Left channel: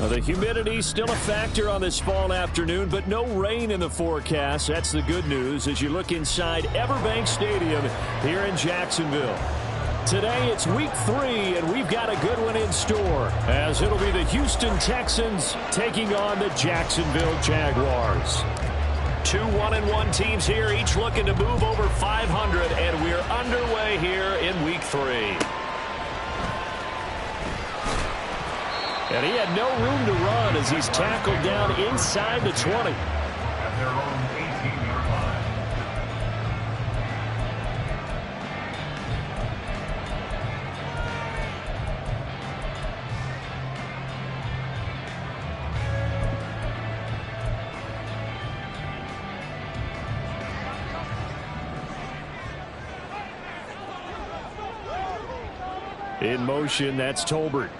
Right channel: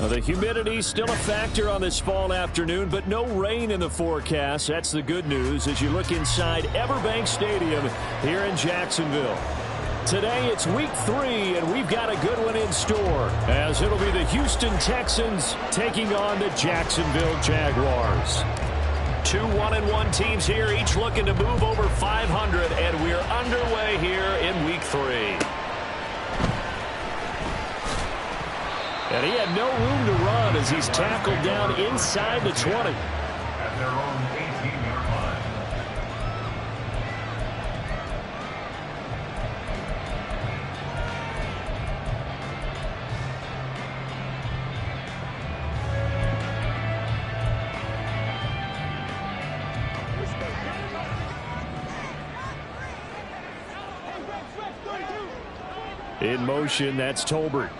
Well, the humidity still a factor on this fall afternoon, but no rain in the forecast. That's the good news as you look inside Everbank Stadium here in Jacksonville. Today it's week 3, and we've got a good one in store, as it'll be the Houston Texans taking on the Jacksonville Jaguars. 2 1-1 teams here, each looking to move over 500, and we're underway here in week 3. And he had no room to run as he's tackled down inside the 20. At their own 18-yard line. In motion, that's Tolbert.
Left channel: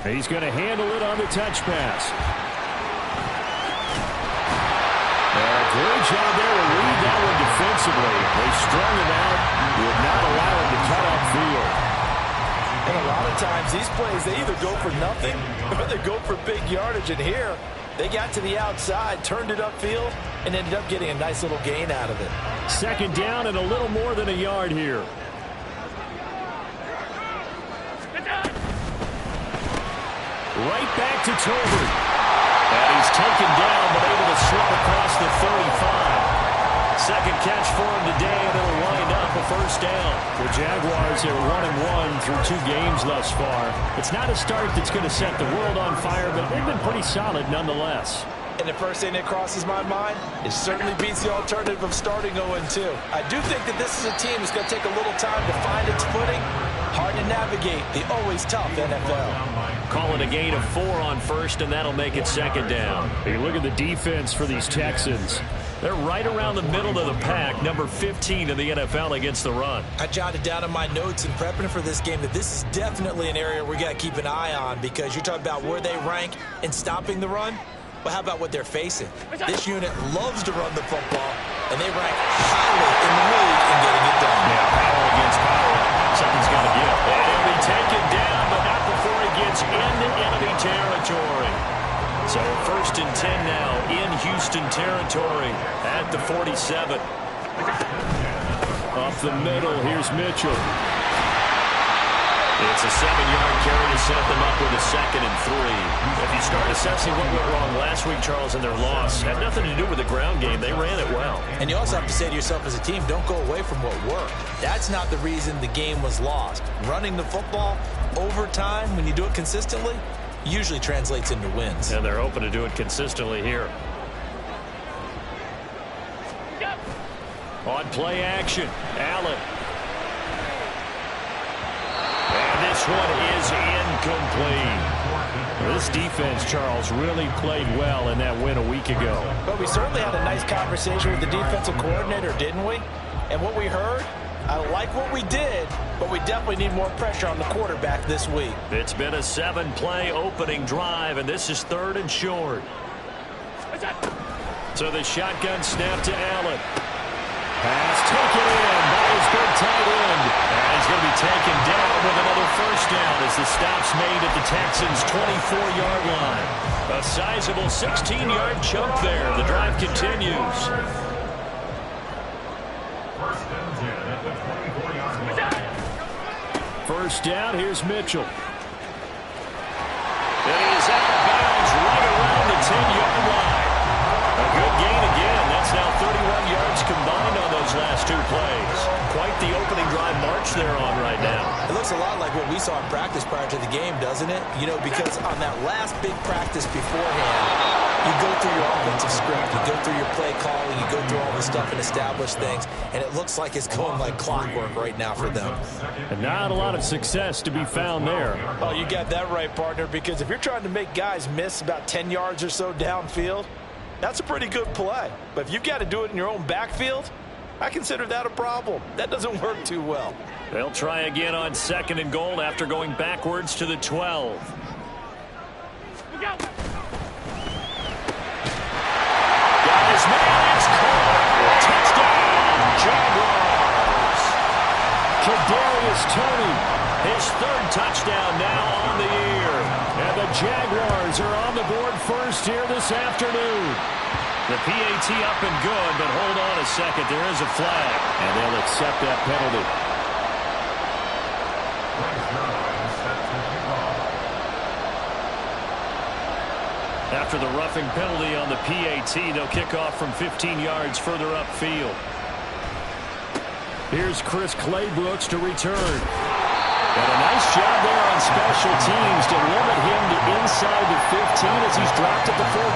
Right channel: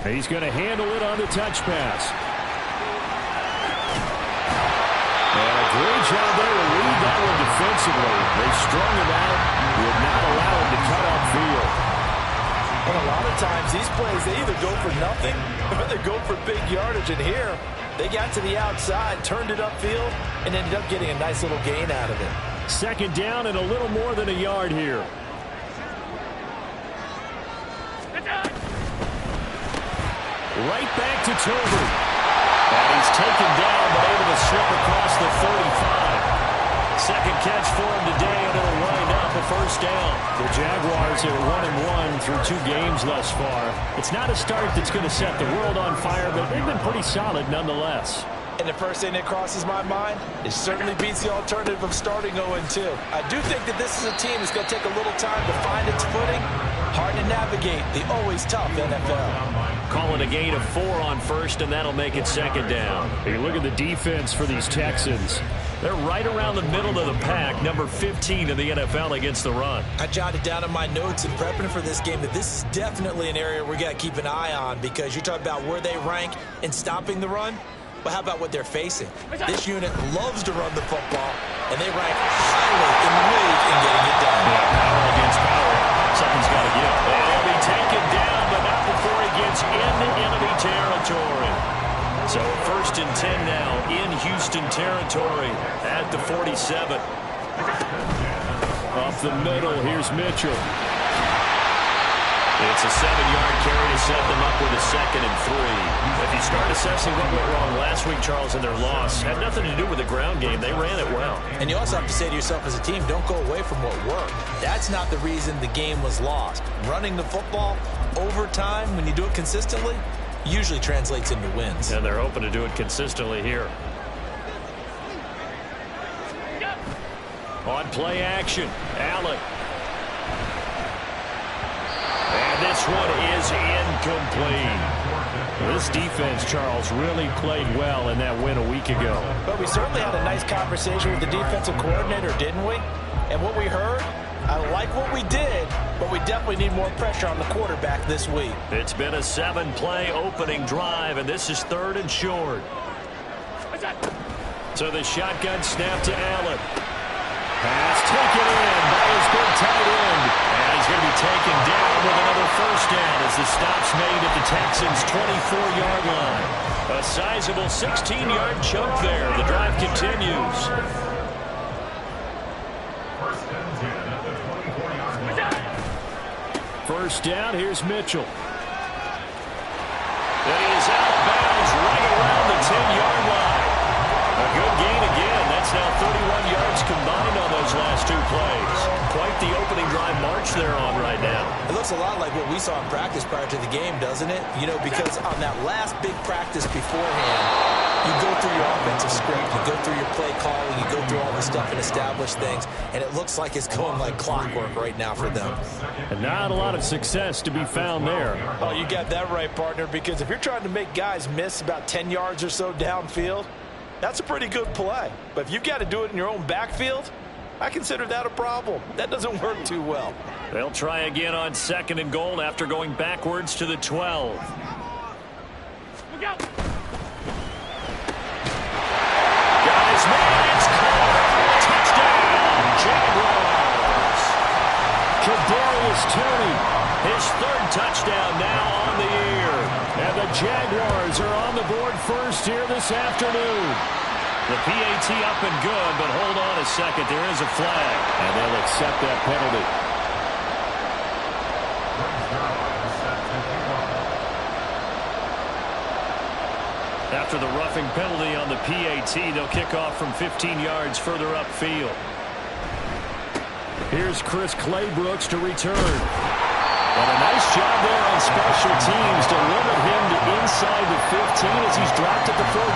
He's going to handle it on the touch pass. And a great job there to read that one defensively. They strung him out, would not allow him to cut upfield. And a lot of times these plays, they either go for nothing or they go for big yardage. And here, they got to the outside, turned it upfield, and ended up getting a nice little gain out of it. Second down and a little more than a yard here. Right back to Tolbert. And he's taken down, but able to slip across the 35. Second catch for him today, and it'll wind up a first down. The Jaguars are 1-1 through 2 games thus far. It's not a start that's going to set the world on fire, but they've been pretty solid nonetheless. And the first thing that crosses my mind, it certainly beats the alternative of starting 0-2. I do think that this is a team that's going to take a little time to find its footing. Hard to navigate the always tough NFL. Call it a gain of 4 on first, and that'll make it second down. Hey, look at the defense for these Texans. They're right around the middle of the pack, number 15 in the NFL against the run. I jotted down in my notes in prepping for this game that this is definitely an area we got to keep an eye on, because you're talking about where they rank in stopping the run. But how about what they're facing? This unit loves to run the football, and they rank highly in the league in getting it done. Yeah, power against power. Something's got to give. And he'll be taken down, but not before he gets into enemy territory. So 1st and 10 now in Houston territory at the 47. Up the middle, here's Mitchell. It's a 7-yard carry to set them up with a 2nd and 3. If you start assessing what went wrong last week, Charles, in their loss, had nothing to do with the ground game. They ran it well. And you also have to say to yourself as a team, don't go away from what worked. That's not the reason the game was lost. Running the football over time, when you do it consistently, usually translates into wins. And they're hoping to do it consistently here. On play action, Allen. And this one is incomplete. This defense, Charles, really played well in that win a week ago. But we certainly had a nice conversation with the defensive coordinator, didn't we? And what we heard, I like what we did, but we definitely need more pressure on the quarterback this week. It's been a 7-play opening drive, and this is 3rd and short. So the shotgun snap to Allen. Pass taken in by his good tight end. And he's going to be taken down with another first down as the stop's made at the Texans' 24-yard line. A sizable 16-yard chunk there. The drive continues. 1st and 10 at the 24-yard line. First down, here's Mitchell. And he is out of bounds right around the 10-yard line. A good gain again. That's now 31 yards combined on those last 2 plays. Quite the opening drive march they're on right now. It looks a lot like what we saw in practice prior to the game, doesn't it? You know, because on that last big practice beforehand, you go through your offensive script, you go through your play calling, you go through all the stuff and establish things, and it looks like it's going like clockwork right now for them. And not a lot of success to be found there. Oh, you got that right, partner, because if you're trying to make guys miss about 10 yards or so downfield, that's a pretty good play. But if you've got to do it in your own backfield, I consider that a problem. That doesn't work too well. They'll try again on 2nd and goal after going backwards to the 12. Look out. Got his man, it's caught. Touchdown, Jaguars. Kadarius Toney His third touchdown now on the year. And the Jaguars are on the board first here this afternoon. The PAT up and good, but hold on a second. There is a flag, and they'll accept that penalty. After the roughing penalty on the PAT, they'll kick off from 15 yards further upfield. Here's Chris Claybrooks to return. And a nice job there on special teams to limit him to inside the 15 as he's dropped at the 14.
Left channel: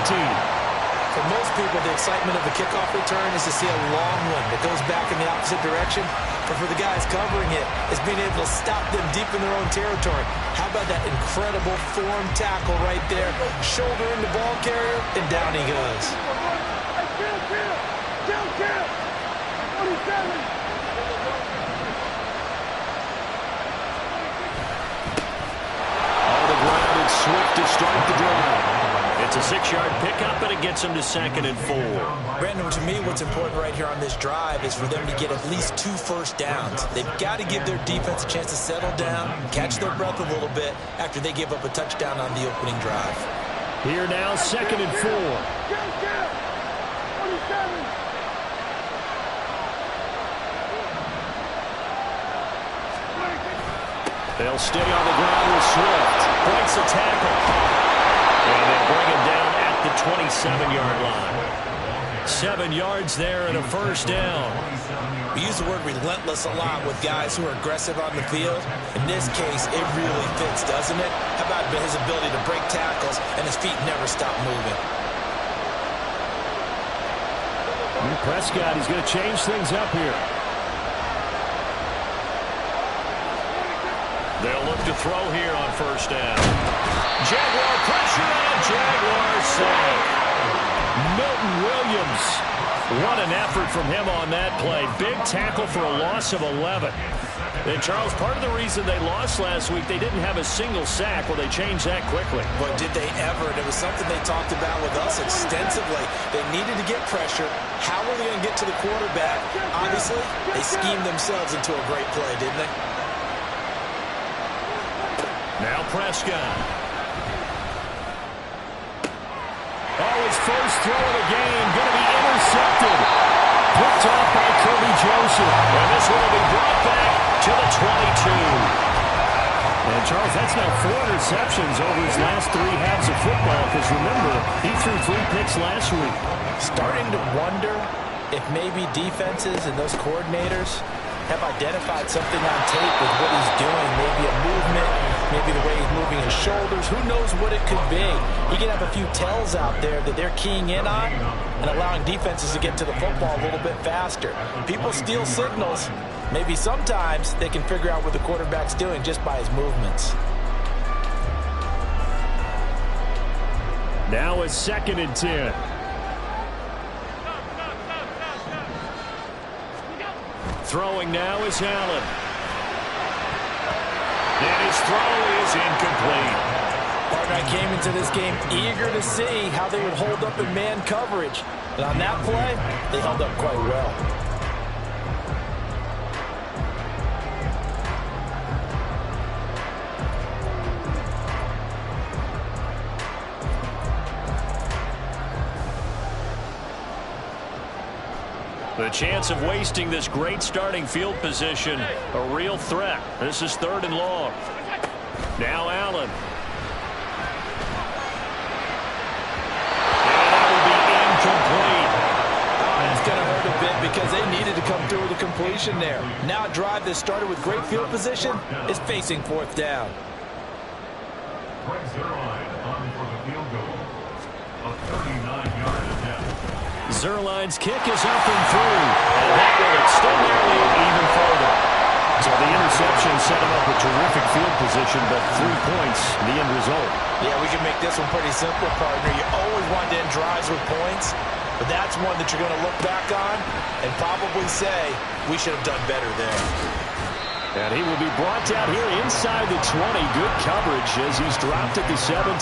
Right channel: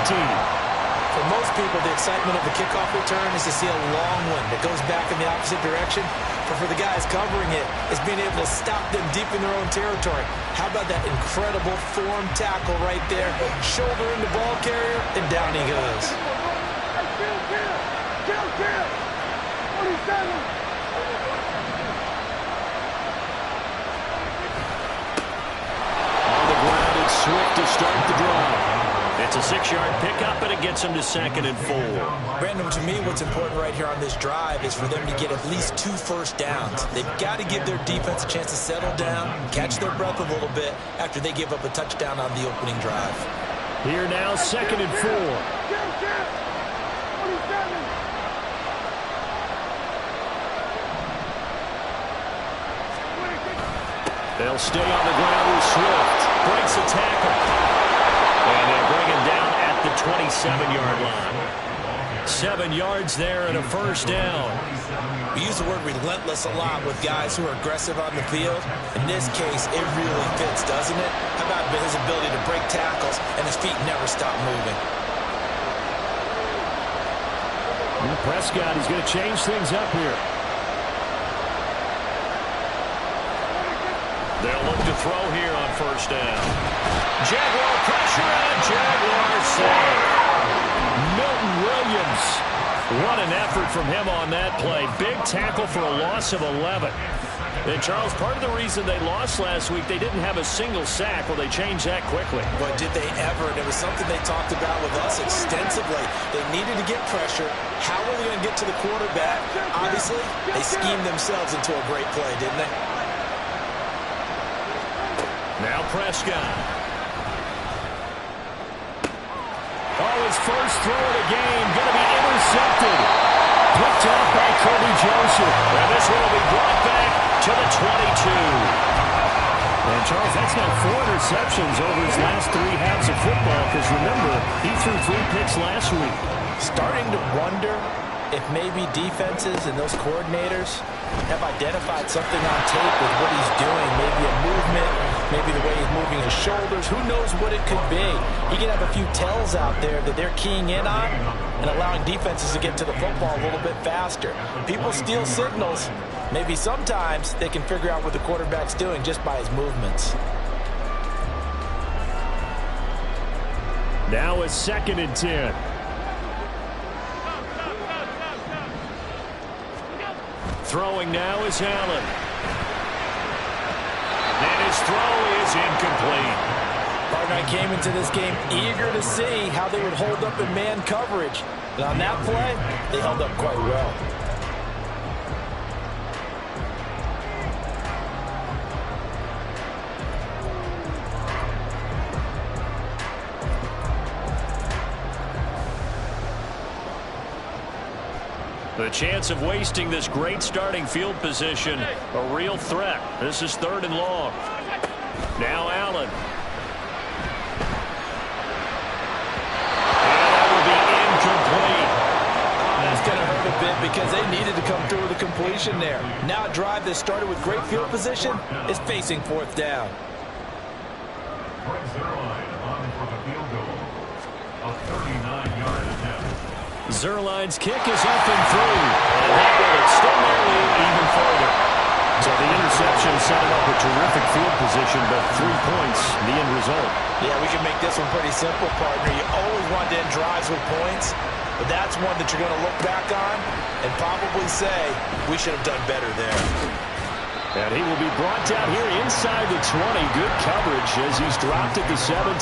For most people, the excitement of the kickoff return is to see a long one that goes back in the opposite direction. But for the guys covering it, it's being able to stop them deep in their own territory. How about that incredible form tackle right there? Shoulder into ball carrier, and down he goes. Kill! 47! On the ground, it's Swift to start the drive. It's a 6-yard pickup, and it gets him to 2nd and 4. Brandon, to me, what's important right here on this drive is for them to get at least 2 first downs. They've got to give their defense a chance to settle down, catch their breath a little bit after they give up a touchdown on the opening drive. Here now, 2nd and 4. 47! They'll stay on the ground with Swift. Breaks a tackle. And they bring him down at the 27-yard line. 7 yards there and a first down. We use the word relentless a lot with guys who are aggressive on the field. In this case, it really fits, doesn't it? How about his ability to break tackles and his feet never stop moving? Prescott, he's going to change things up here. They'll look to throw here on first down. Jaguar pressure and a Jaguar sack. Milton Williams. What an effort from him on that play. Big tackle for a loss of 11. And, Charles, part of the reason they lost last week, they didn't have a single sack. Well, they changed that quickly. But did they ever? And it was something they talked about with us extensively. They needed to get pressure. How were they going to get to the quarterback? Obviously, they schemed themselves into a great play, didn't they? Now Prescott. Oh, his first throw of the game going to be intercepted. Picked off by Kirby Joseph. And this one will be brought back to the 22. And, Charles, that's now 4 interceptions over his last 3 halves of football. Because, remember, he threw 3 picks last week. Starting to wonder if maybe defenses and those coordinators have identified something on tape with what he's doing. Maybe a movement, maybe the way he's moving his shoulders. Who knows what it could be? He can have a few tells out there that they're keying in on and allowing defenses to get to the football a little bit faster. People steal signals. Maybe sometimes they can figure out what the quarterback's doing just by his movements. Now a 2nd and 10. Throwing now is Allen. And his throw is incomplete. Partner, I came into this game eager to see how they would hold up in man coverage. And on that play, they held up quite well. The chance of wasting this great starting field position, a real threat. This is 3rd and long. Now Allen. And that will be incomplete. Oh, that's going to hurt a bit because they needed to come through with a completion there. Now a drive that started with great field position is facing 4th down. Brings their line on for the field goal. A 39-yard attempt. Zerline's kick is up and through, and that will extend their lead even further. So the interception set him up with terrific field position, but 3 points, the end result. Yeah, we can make this one pretty simple, partner. You always want to end drives with points, but that's one that you're going to look back on and probably say, we should have done better there. And he will be brought down here inside the 20. Good coverage as he's dropped at the 17.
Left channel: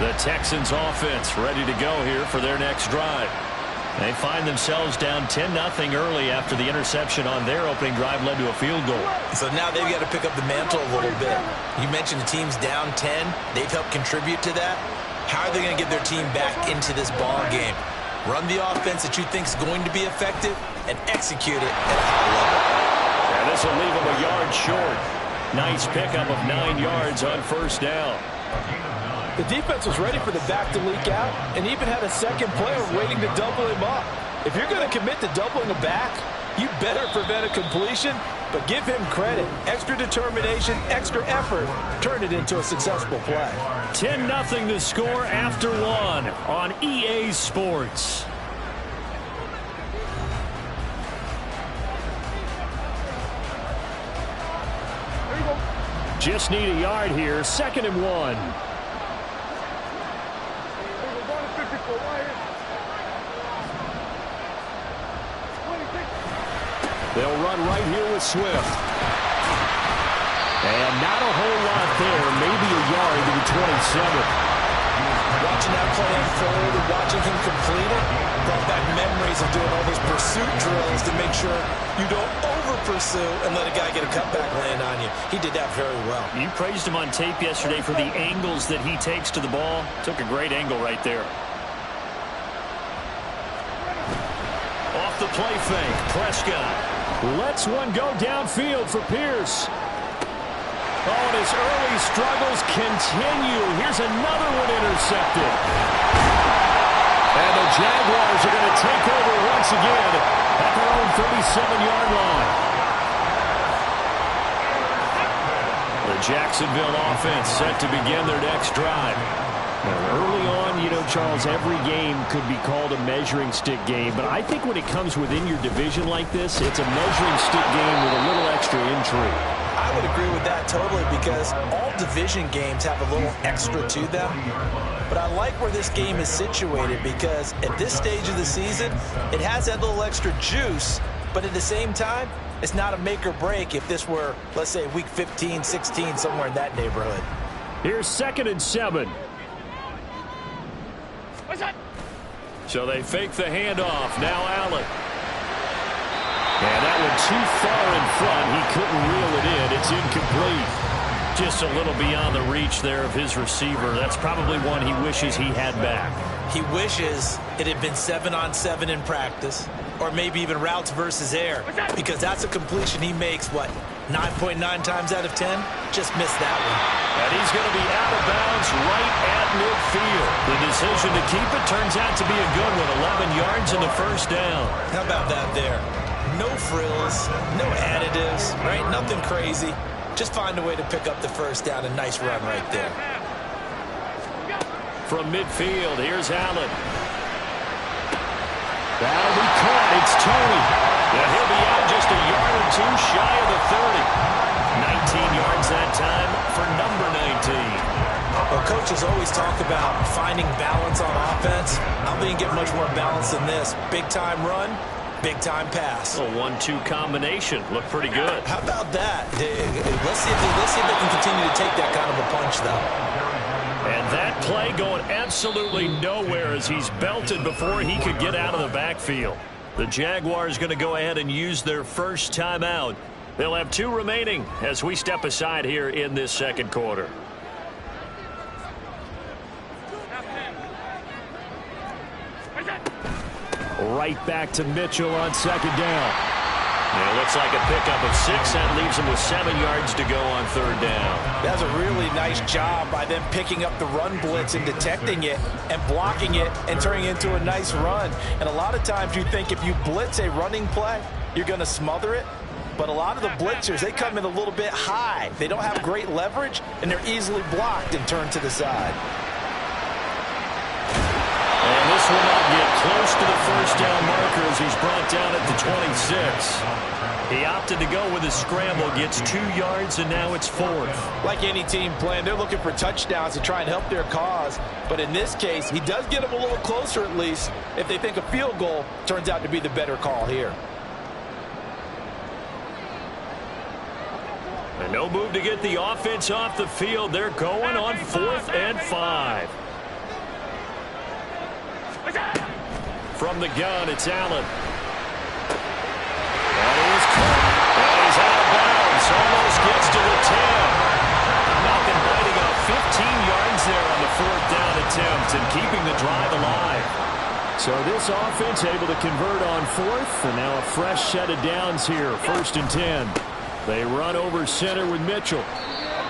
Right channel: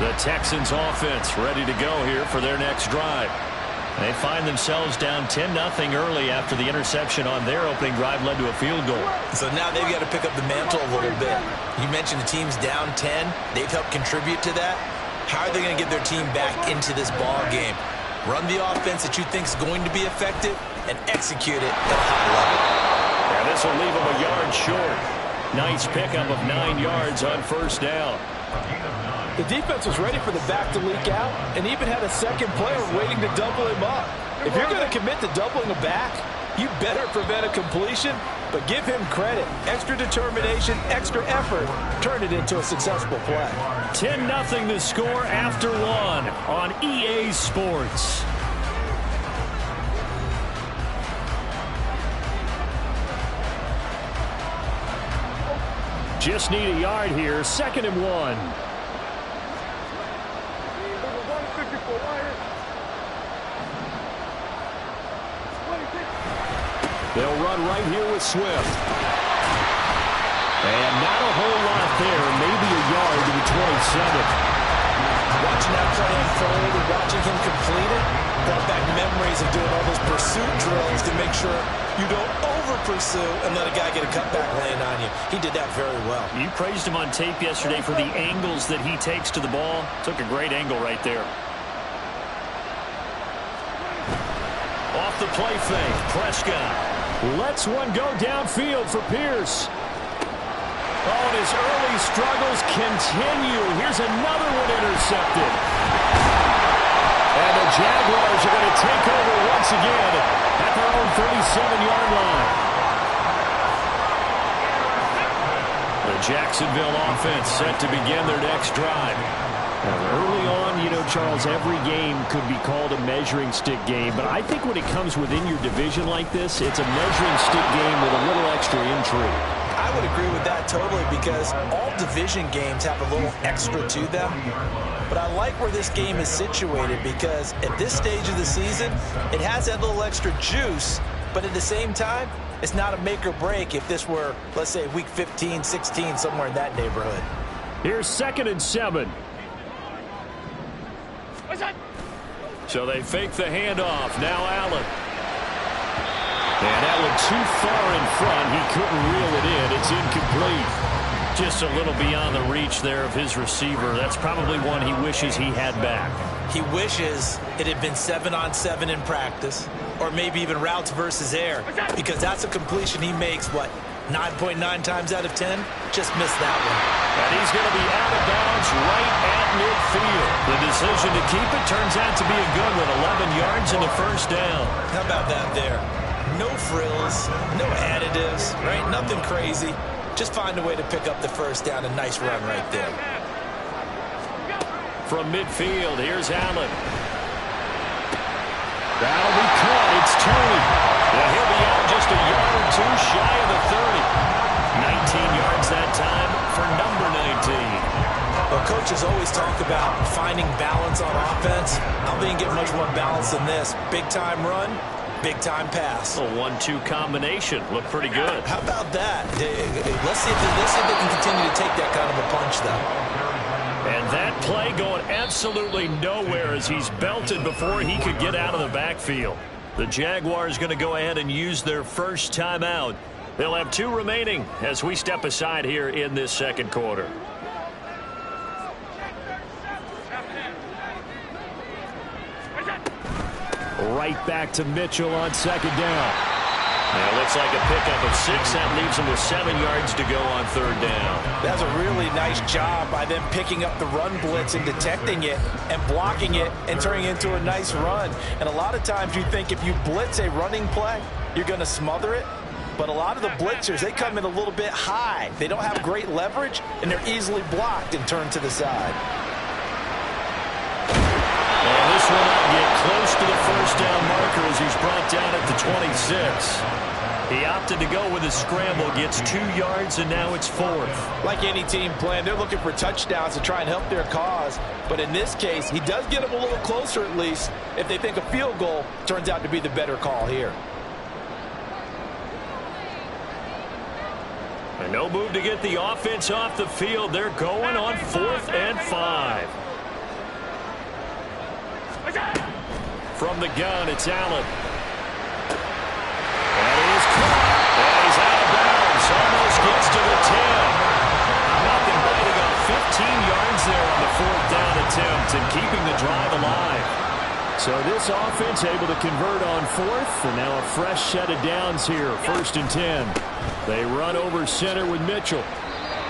The Texans offense ready to go here for their next drive. They find themselves down 10-0 early after the interception on their opening drive led to a field goal. So now they've got to pick up the mantle a little bit. You mentioned the team's down 10. They've helped contribute to that. How are they going to get their team back into this ball game? Run the offense that you think is going to be effective and execute it at a high level. And this will leave them a yard short. Nice pickup of 9 yards on first down. The defense was ready for the back to leak out and even had a second player waiting to double him up. If you're going to commit to doubling a back, you better prevent a completion, but give him credit. Extra determination, extra effort, turn it into a successful play. 10-0 the score after 1 on EA Sports. Just need a yard here. 2nd and 1. They'll run right here with Swift. And not a whole lot there. Maybe a yard to the 27. Watching that play unfold and watching him complete it brought back memories of doing all those pursuit drills to make sure you don't over-pursue and let a guy get a cutback land on you. He did that very well. You praised him on tape yesterday for the angles that he takes to the ball. Took a great angle right there. Off the play fake, Prescott lets one go downfield for Pierce. Oh, and his early struggles continue. Here's another one intercepted. And the Jaguars are going to take over once again at their own 37-yard line. The Jacksonville offense set to begin their next drive. Early on, you know, Charles, every game could be called a measuring stick game. But I think when it comes within your division like this, it's a measuring stick game with a little extra intrigue. I would agree with that totally because all division games have a little extra to them. But I like where this game is situated because at this stage of the season, it has that little extra juice. But at the same time, it's not a make or break if this were, let's say, week 15, 16, somewhere in that neighborhood. Here's 2nd and 7. So they fake the handoff. Now Allen. And that one too far in front. He couldn't reel it in. It's incomplete. Just a little beyond the reach there of his receiver. That's probably one he wishes he had back. He wishes it had been 7-on-7 in practice, or maybe even routes versus air, because that's a completion he makes, what, 9.9 times out of 10? Just missed that one. And he's going to be out of bounds right at midfield. The decision to keep it turns out to be a good one. 11 yards and the first down. How about that there? No frills, no additives, right? Nothing crazy. Just find a way to pick up the first down. A nice run right there. From midfield, here's Allen. That'll be caught. It's Tony. Yeah, he'll be out just a yard or two shy of the 30. 19 yards that time for number 19. Well, coaches always talk about finding balance on offense. I don't think you get much more balance than this. Big-time run, big-time pass. A 1-2 combination. Looked pretty good. How about that? Let's see if they can continue to take that kind of a punch, though. And that play going absolutely nowhere as he's belted before he could get out of the backfield. The Jaguars going to go ahead and use their first timeout. They'll have 2 remaining as we step aside here in this second quarter. Right back to Mitchell on 2nd down. And it looks like a pickup of 6. That leaves him with 7 yards to go on 3rd down. That's a really nice job by them picking up the run blitz and detecting it and blocking it and turning it into a nice run. And a lot of times you think if you blitz a running play, you're going to smother it. But a lot of the blitzers, they come in a little bit high. They don't have great leverage, and they're easily blocked and turned to the side. And this will not get close to the first down marker as he's brought down at the 26. He opted to go with a scramble, gets 2 yards, and now it's 4th. Like any team playing, they're looking for touchdowns to try and help their cause. But in this case, he does get them a little closer at least if they think a field goal turns out to be the better call here. And no move to get the offense off the field. They're going on 4th and 5. From the gun, it's Allen. That is caught. And he's out of bounds. Almost gets to the 10. Malcolm biting off 15 yards there on the 4th down attempt and keeping the drive alive. So this offense able to convert on 4th, and now a fresh set of downs here, 1st and 10. They run over center with Mitchell.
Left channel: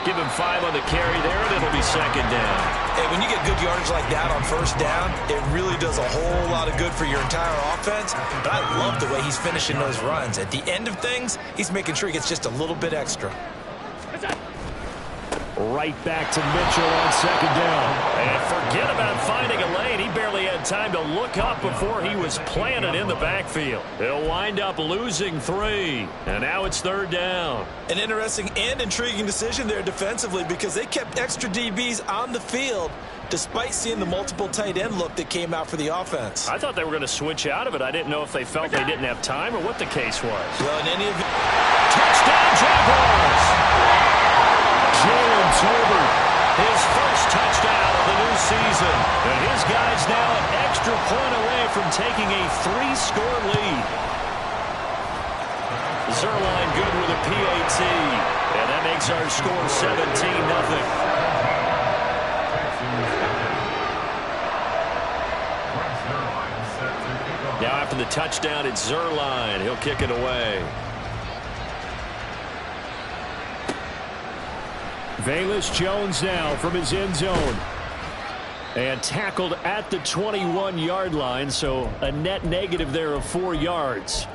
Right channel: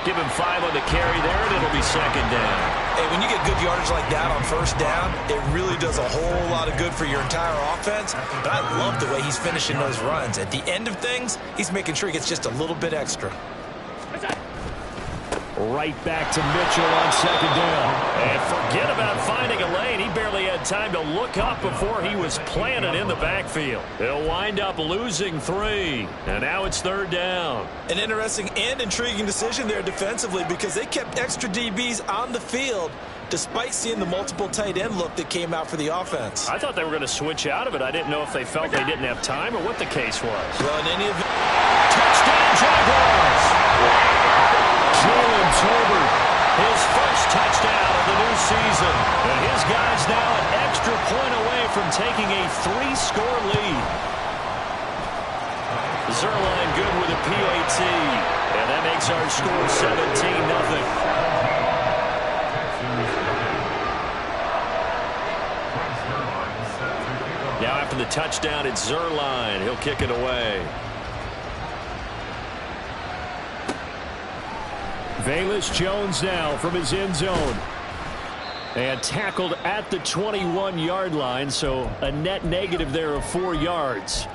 Give him 5 on the carry there, and it'll be 2nd down. Hey, when you get good yardage like that on 1st down, it really does a whole lot of good for your entire offense. But I love the way he's finishing those runs. At the end of things, he's making sure he gets just a little bit extra. Right back to Mitchell on 2nd down. And forget about finding a lane. He barely had time to look up before he was planted in the backfield. He'll wind up losing 3. And now it's 3rd down. An interesting and intriguing decision there defensively because they kept extra DBs on the field despite seeing the multiple tight end look that came out for the offense. I thought they were going to switch out of it. I didn't know if they felt they didn't have time or what the case was. Well, in any event, touchdown Jaguars! Jalen Tolbert, his first touchdown of the new season. And his guys now an extra point away from taking a 3-score lead. Zuerlein good with a PAT. And that makes our score 17-0. Now after the touchdown, it's Zuerlein. He'll kick it away. Velus Jones now from his end zone. And tackled at the 21-yard line, so a net negative there of 4 yards.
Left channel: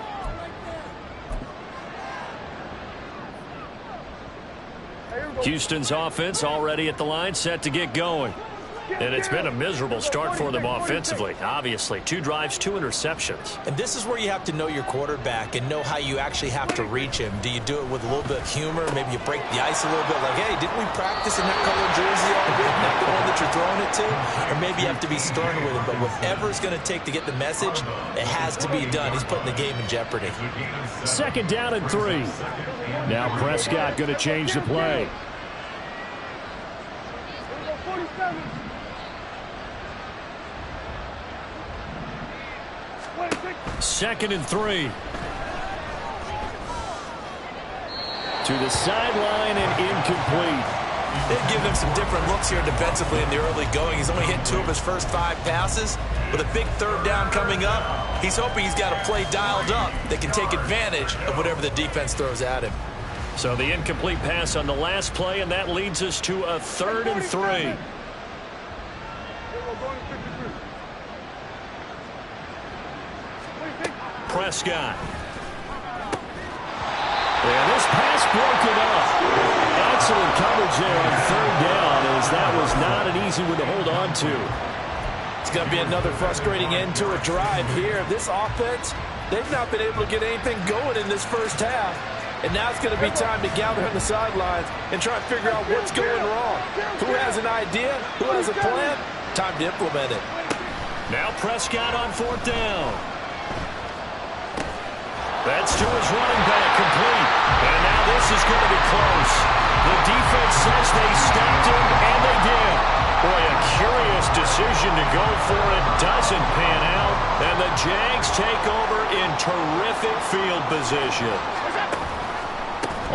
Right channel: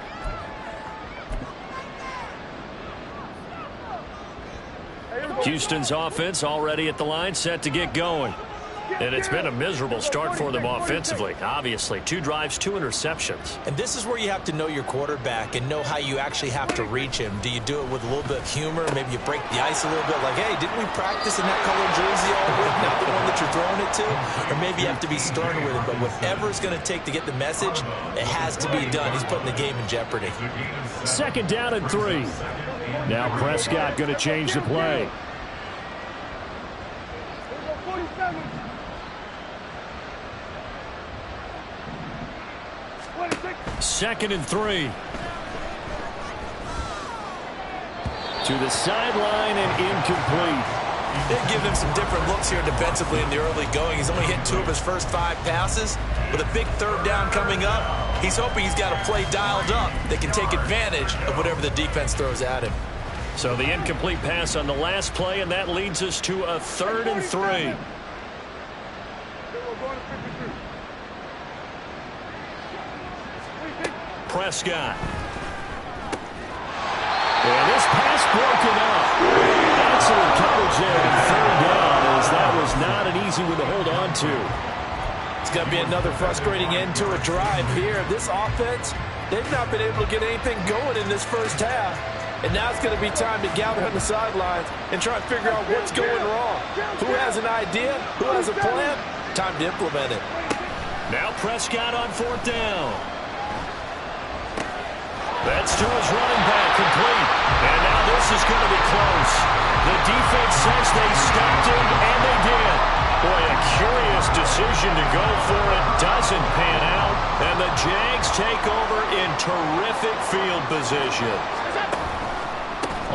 Houston's offense already at the line, set to get going. And it's been a miserable start for them offensively. Obviously, 2 drives, 2 interceptions. And this is where you have to know your quarterback and know how you actually have to reach him. Do you do it with a little bit of humor? Maybe you break the ice a little bit like, hey, didn't we practice in that colored jersey all week? Not the one that you're throwing it to? Or maybe you have to be stern with him. But whatever it's going to take to get the message, it has to be done. He's putting the game in jeopardy. 2nd down and 3. Now Prescott going to change the play. 2nd and 3. To the sideline and incomplete. They've given him some different looks here defensively in the early going. He's only hit 2 of his first 5 passes. With a big 3rd down coming up, he's hoping he's got a play dialed up that can take advantage of whatever the defense throws at him. So the incomplete pass on the last play, and that leads us to a 3rd and 3. Prescott. And this pass broken up. Excellent coverage there on 3rd down, as that was not an easy one to hold on to. It's going to be another frustrating end to a drive here. This offense, they've not been able to get anything going in this first half. And now it's going to be time to gather on the sidelines and try and figure out what's going wrong. Who has an idea? Who has a plan? Time to implement it. Now Prescott on 4th down. That's to his running back, complete. And now this is going to be close. The defense says they stopped him, and they did. Boy, a curious decision to go for it. Doesn't pan out. And the Jags take over in terrific field position.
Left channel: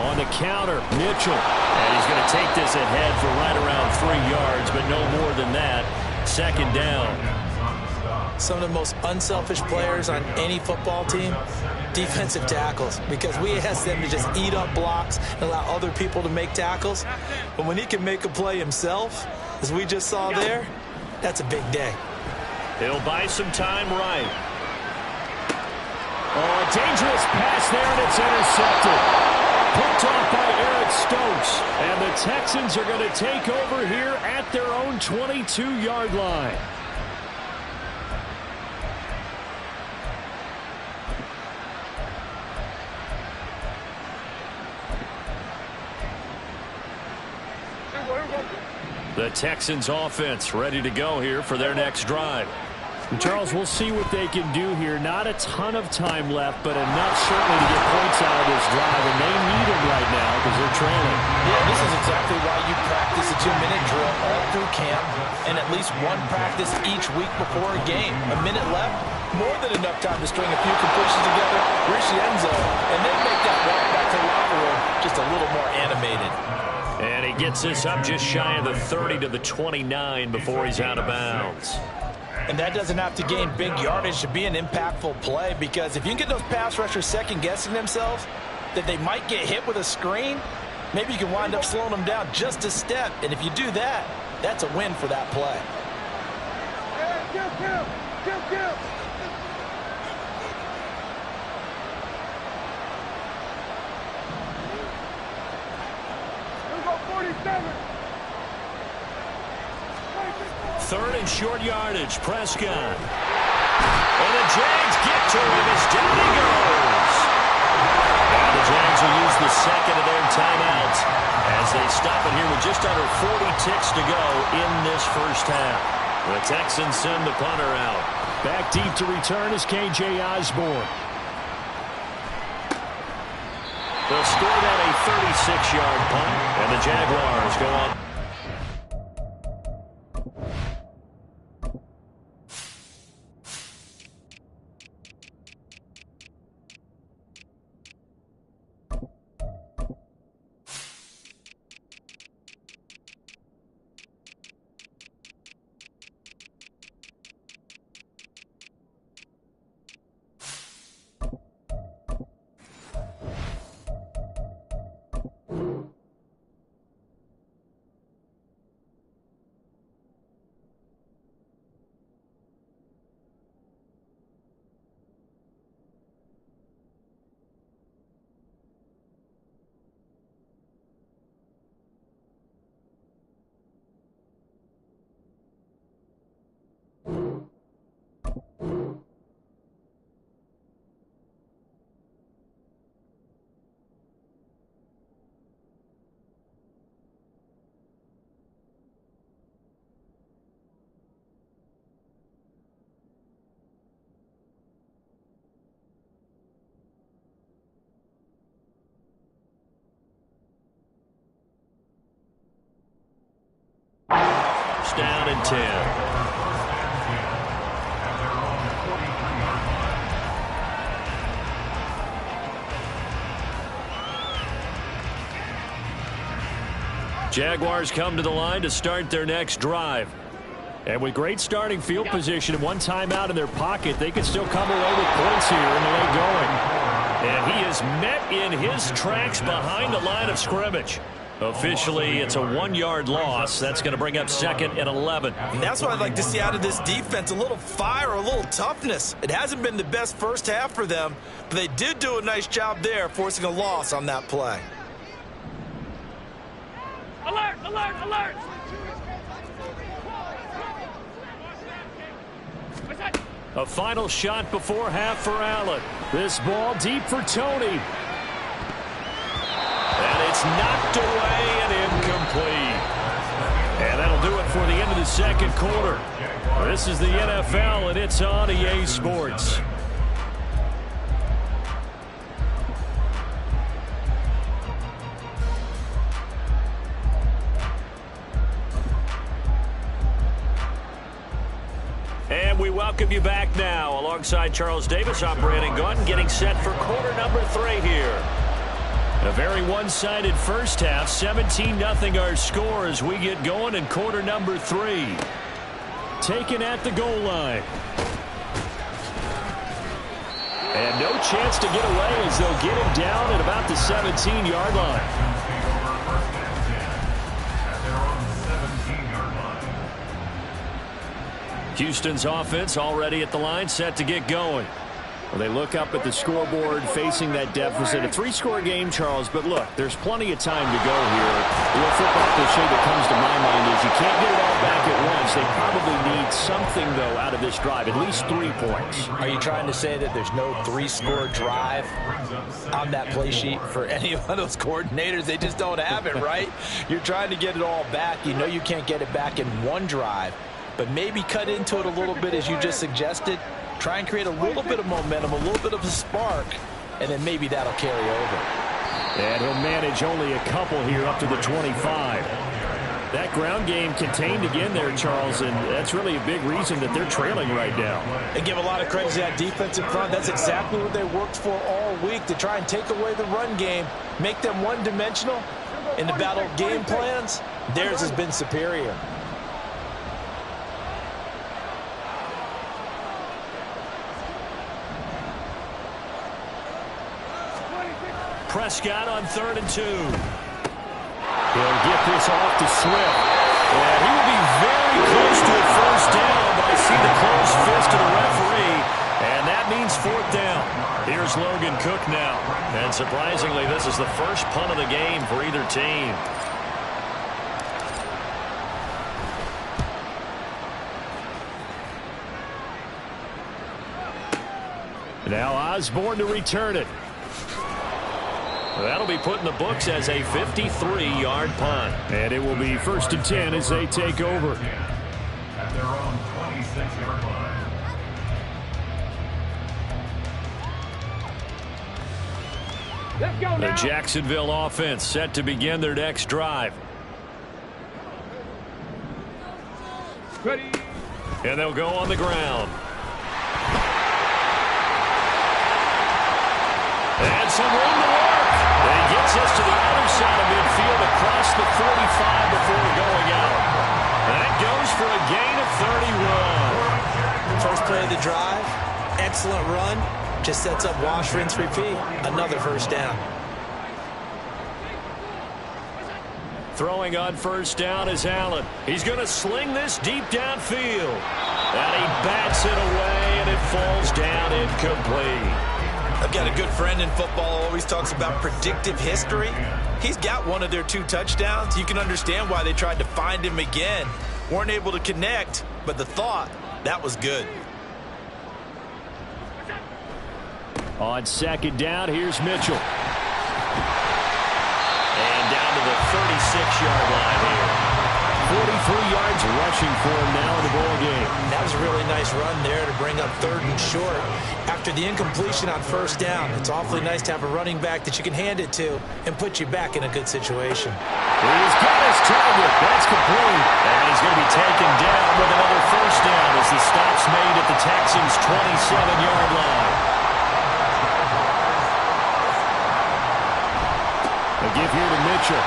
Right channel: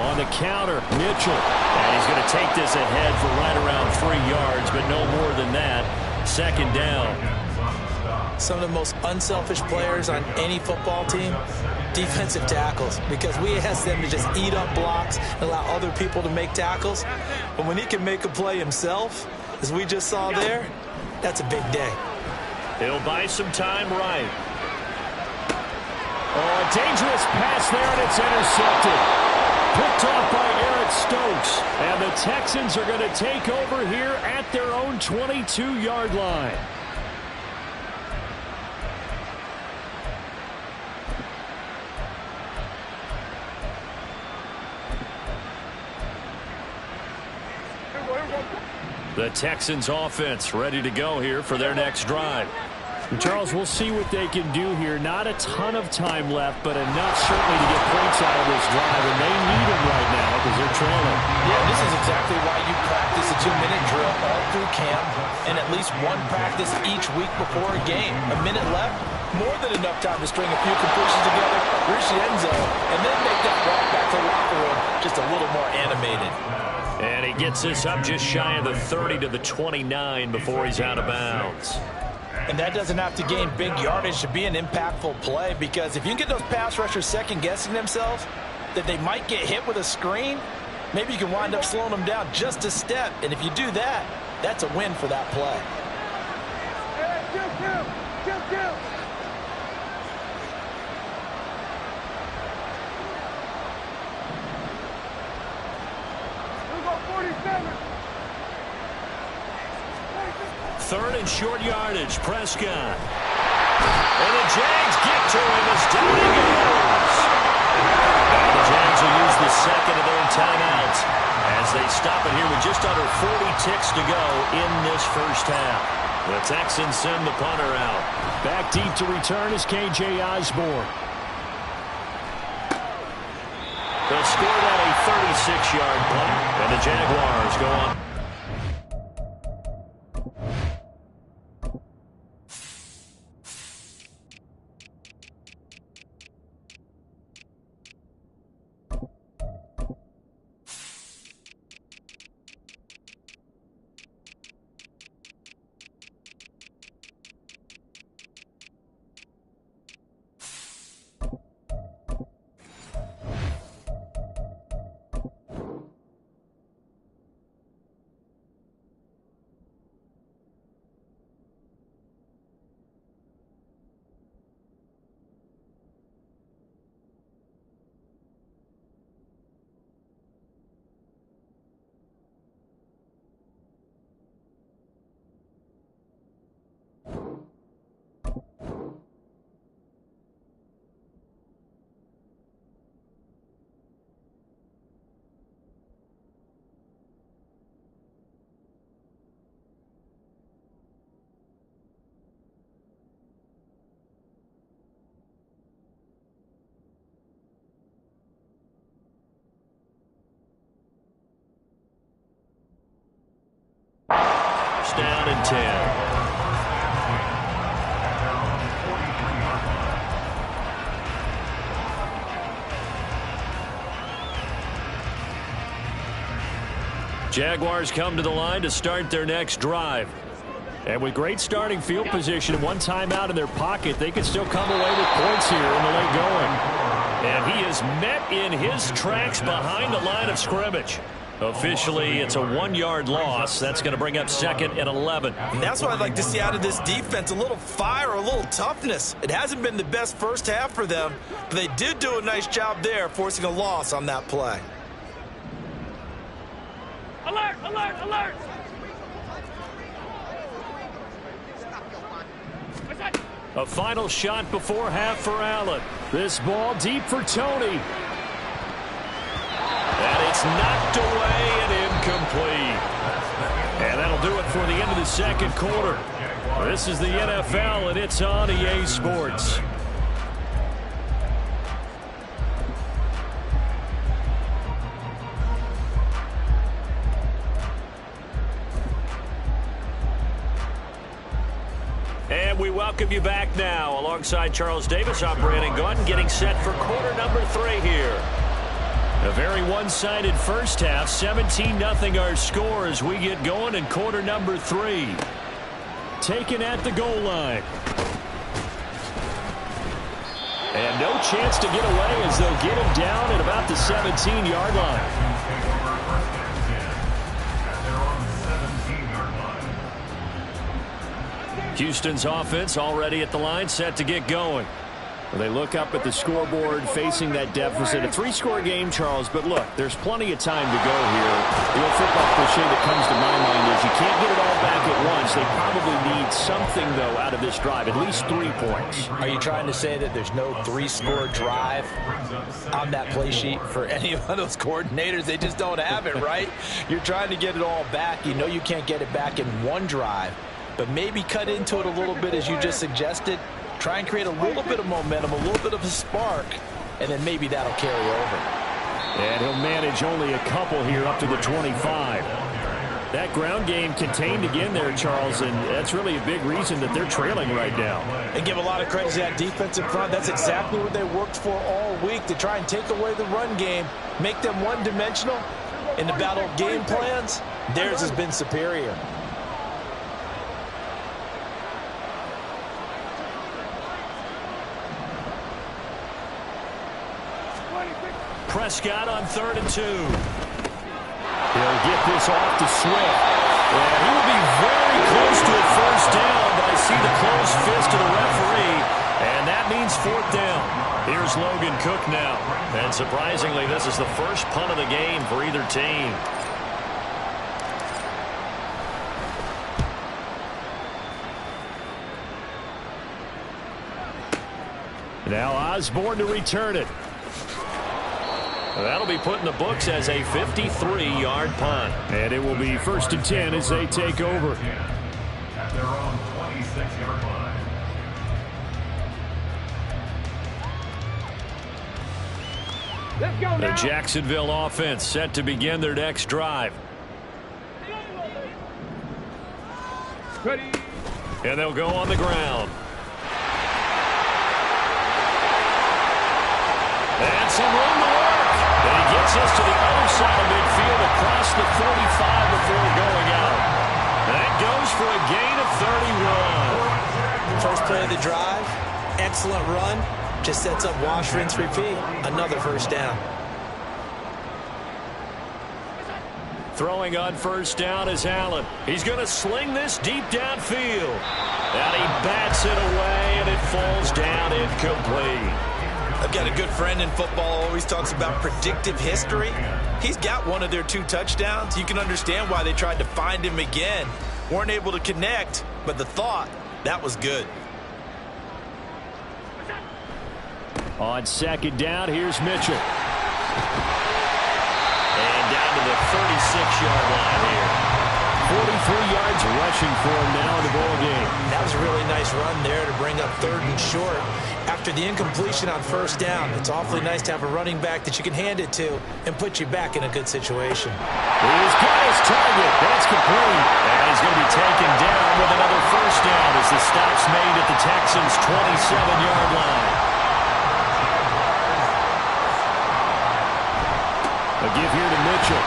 On the counter, Mitchell. And he's going to take this ahead for right around 3 yards, but no more than that. 2nd down. Some of the most unselfish players on any football team, defensive tackles, because we ask them to just eat up blocks and allow other people to make tackles. But when he can make a play himself, as we just saw there, that's a big day. He'll buy some time right. Oh, a dangerous pass there, and it's intercepted. Picked off by Eric Stokes. And the Texans are going to take over here at their own 22-yard line. The Texans offense ready to go here for their next drive. Charles, we'll see what they can do here. Not a ton of time left, but enough certainly to get points out of this drive, and they need them right now because they're trailing. Yeah, this is exactly why you practice a 2-minute drill all through camp and at least one practice each week before a game. A minute left, more than enough time to string a few completions together, reach the end zone, and then make that walk back to the locker room just a little more animated. And he gets this up just shy of the 30 to the 29 before he's out of bounds. And that doesn't have to gain big yardage to be an impactful play, because if you can get those pass rushers second-guessing themselves that they might get hit with a screen, maybe you can wind up slowing them down just a step. And if you do that, that's a win for that play. Hey, kill. Here we go, 47. Third and short yardage, Prescott. And the Jags get to him as down he goes. And the Jags will use the second of their timeouts as they stop it here with just under 40 ticks to go in this first half. The Texans send the punter out. Back deep to return is K.J. Osborne. They'll score that a 36-yard punt, and the Jaguars go on. Down and 10. At their own 43-yard line. Jaguars come to the line to start their next drive. And with great starting field position and one timeout in their pocket, they can still come away with points here in the late going. And he is met in his tracks behind the line of scrimmage. Officially, it's a 1-yard loss. That's going to bring up second and 11. And that's what I'd like to see out of this defense, a little fire, a little toughness. It hasn't been the best first half for them, but they did do a nice job there, forcing a loss on that play. Alert! A final shot before half for Allen. This ball deep for Tony. And it's knocked away and incomplete. And that'll do it for the end of the second quarter. This is the NFL, and it's on EA Sports. And we welcome you back now. Alongside Charles Davis, I'm Brandon Gaudin, getting set for quarter number 3 here. A very one-sided first half, 17-0 our score as we get going in quarter number 3. Taken at the goal line. And no chance to get away as they'll get him down at about the 17-yard line. Houston's offense already at the line, set to get going. Well, they look up at the scoreboard facing that deficit. A 3-score game, Charles, but look, there's plenty of time to go here. The old football cliche that comes to my mind is you can't get it all back at once. They probably need something, though, out of this drive, at least 3 points. Are you trying to say that there's no 3-score drive on that play sheet for any of those coordinators? They just don't have it, right? You're trying to get it all back. You know you can't get it back in one drive. but maybe cut into it a little bit as you just suggested. Try and create a little bit of momentum, a little bit of a spark, and then maybe that'll carry over. And he'll manage only a couple here up to the 25. That ground game contained again there, Charles, and that's really a big reason that they're trailing right now. And give a lot of credit to that defensive front. That's exactly what they worked for all week, to try and take away the run game, make them one-dimensional. In the battle of game plans, theirs has been superior. Prescott on 3rd and 2. He'll get this off to Swift. And he will be very close to a first down, but I see the closed fist of the referee, and that means 4th down. Here's Logan Cook now. And surprisingly, this is the first punt of the game for either team. Now Osborne to return it. That'll be put in the books as a 53-yard punt. And it will be 1st and 10 as they take over. At their own 26-yard line. Let's go The now. Jacksonville offense set to begin their next drive. Ready. And they'll go on the ground. And some room to work. And he gets us to the other side of midfield across the 45 before going out. That goes for a gain of 31. First play of the drive, excellent run. Just sets up wash, rinse, repeat. Another first down. Throwing on first down is Allen. He's going to sling this deep downfield. And he bats it away, and it falls down incomplete. I've got a good friend in football, always talks about predictive history. He's got one of their 2 touchdowns. You can understand why they tried to find him again. Weren't able to connect, but the thought, that was good. On 2nd down, here's Mitchell. And down to the 36-yard line here. 43 yards rushing for him now in the ball game. That was a really nice run there to bring up 3rd and short. After the incompletion on first down, it's awfully nice to have a running back that you can hand it to and put you back in a good situation. He's got his target. That's complete. And he's going to be taken down with another first down as the stop's made at the Texans' 27-yard line. A give here to Mitchell.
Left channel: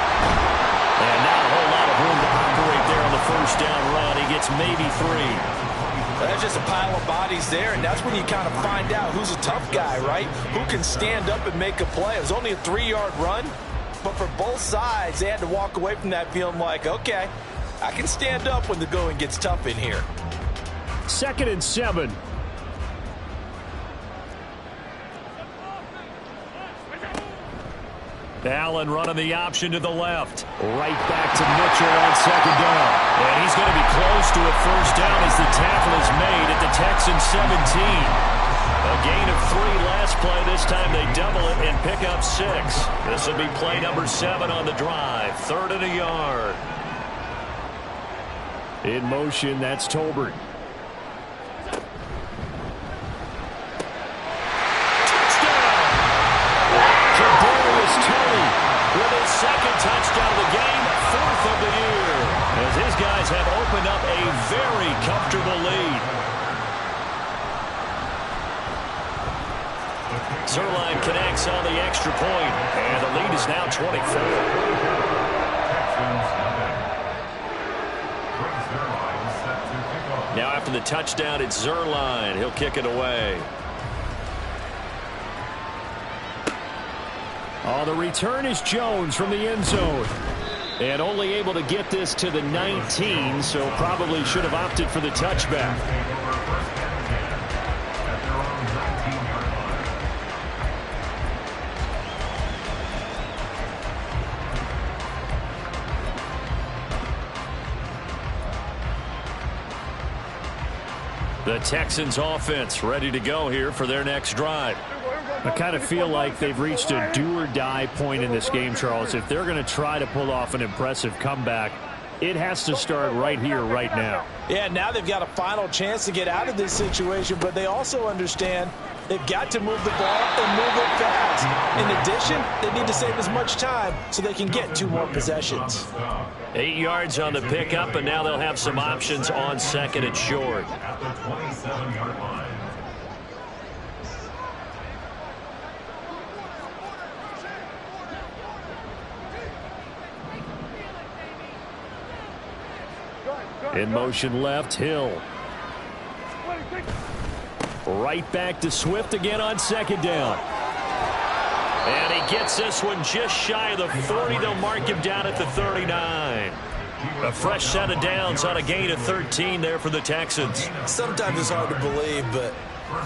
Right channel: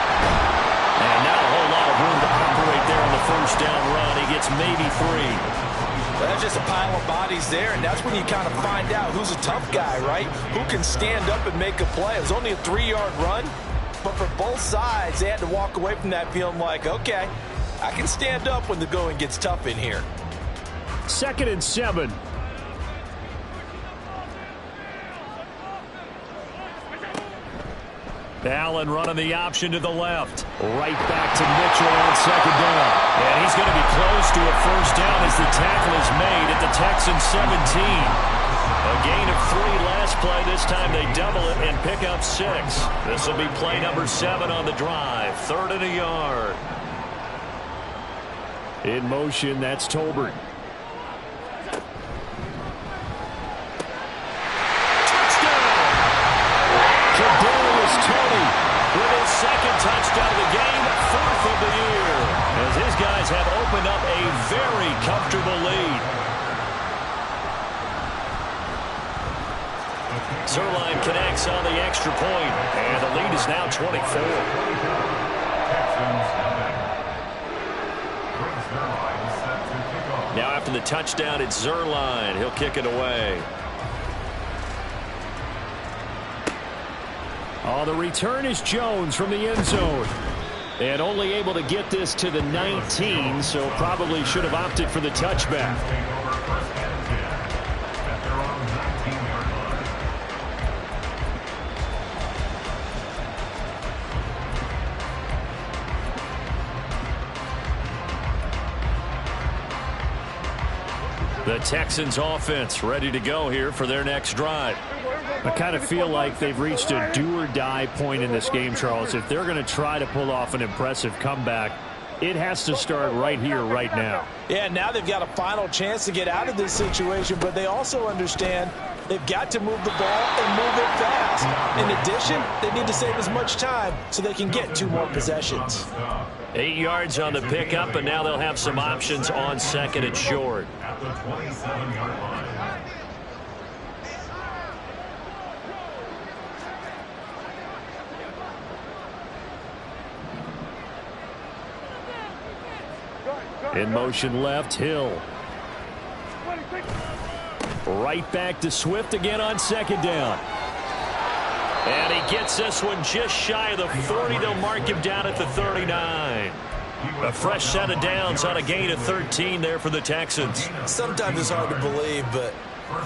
And not a whole lot of room to operate there on the first down run. He gets maybe 3. That's just a pile of bodies there, and that's when you kind of find out who's a tough guy, right? Who can stand up and make a play. It was only a 3-yard run, but for both sides, they had to walk away from that feeling like, okay, I can stand up when the going gets tough in here. 2nd and 7. Allen running the option to the left. Right back to Mitchell on 2nd down. And he's going to be close to a first down as the tackle is made at the Texans' 17. A gain of 3 last play. This time they double it and pick up 6. This will be play number 7 on the drive. 3rd and a yard. In motion, that's Tolbert. Tony with his 2nd touchdown of the game, 4th of the year, as his guys have opened up a very comfortable lead. Zuerlein connects on the extra point, and the lead is now 24. Now after the touchdown, it's Zuerlein. He'll kick it away. Oh, the return is Jones from the end zone. And only able to get this to the 19, so probably should have opted for the touchback. The Texans offense ready to go here for their next drive. I kind of feel like they've reached a do-or-die point in this game, Charles. If they're going to try to pull off an impressive comeback, It has to start right here, right now. Yeah, now they've got a final chance to get out of this situation, but they also understand they've got to move the ball and move it fast. In addition, they need to save as much time so they can get 2 more possessions. 8 yards on the pickup, and now they'll have some options on second and short. At the 27-yard line. In motion left, Hill. Right back to Swift again on second down. And he gets this one just shy of the 40. They'll mark him down at the 39. A fresh set of downs on a gain of 13 there for the Texans. Sometimes it's hard to believe, but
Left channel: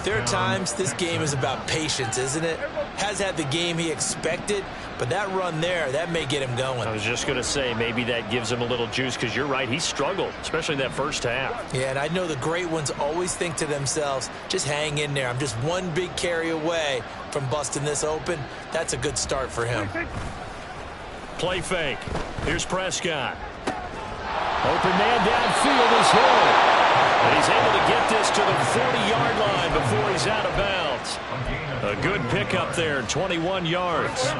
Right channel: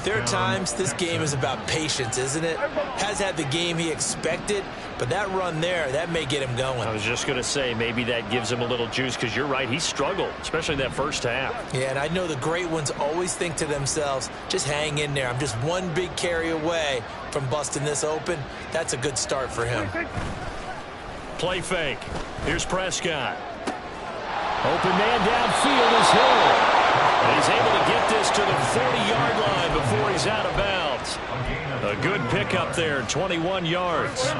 there are times this game is about patience, isn't it? Has had the game he expected, but that run there, that may get him going. I was just going to say, maybe that gives him a little juice, because you're right, he struggled, especially in that first half. Yeah, and I know the great ones always think to themselves, just hang in there. I'm just one big carry away from busting this open. That's a good start for him. Play fake. Here's Prescott. Open man downfield is Hill. And he's able to get this to the 40-yard line before he's out of bounds. A good pickup there, 21 yards.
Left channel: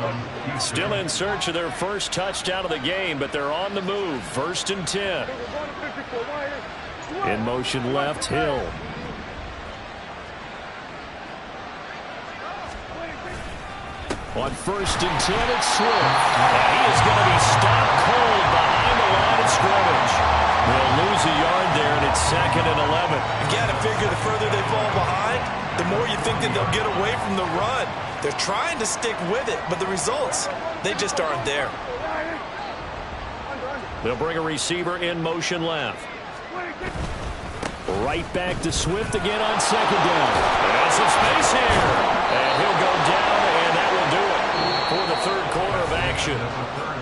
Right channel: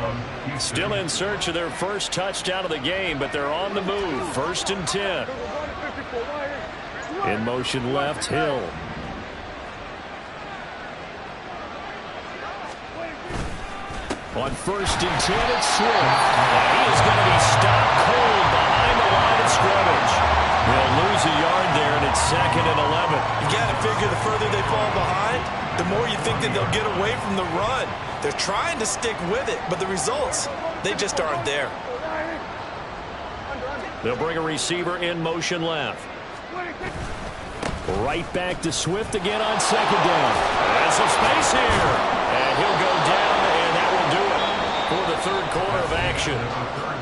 Still in search of their first touchdown of the game, but they're on the move. 1st and 10. In motion left, Hill. On 1st and 10, it's Swift. And he is going to be stopped cold behind the line of scrimmage. They'll lose a yard there, and it's 2nd and 11. You got to figure the further they fall behind, the more you think that they'll get away from the run. They're trying to stick with it, but the results, they just aren't there. They'll bring a receiver in motion left. Right back to Swift again on second down. And some space here. And he'll go down, and that will do it for the 3rd quarter of action.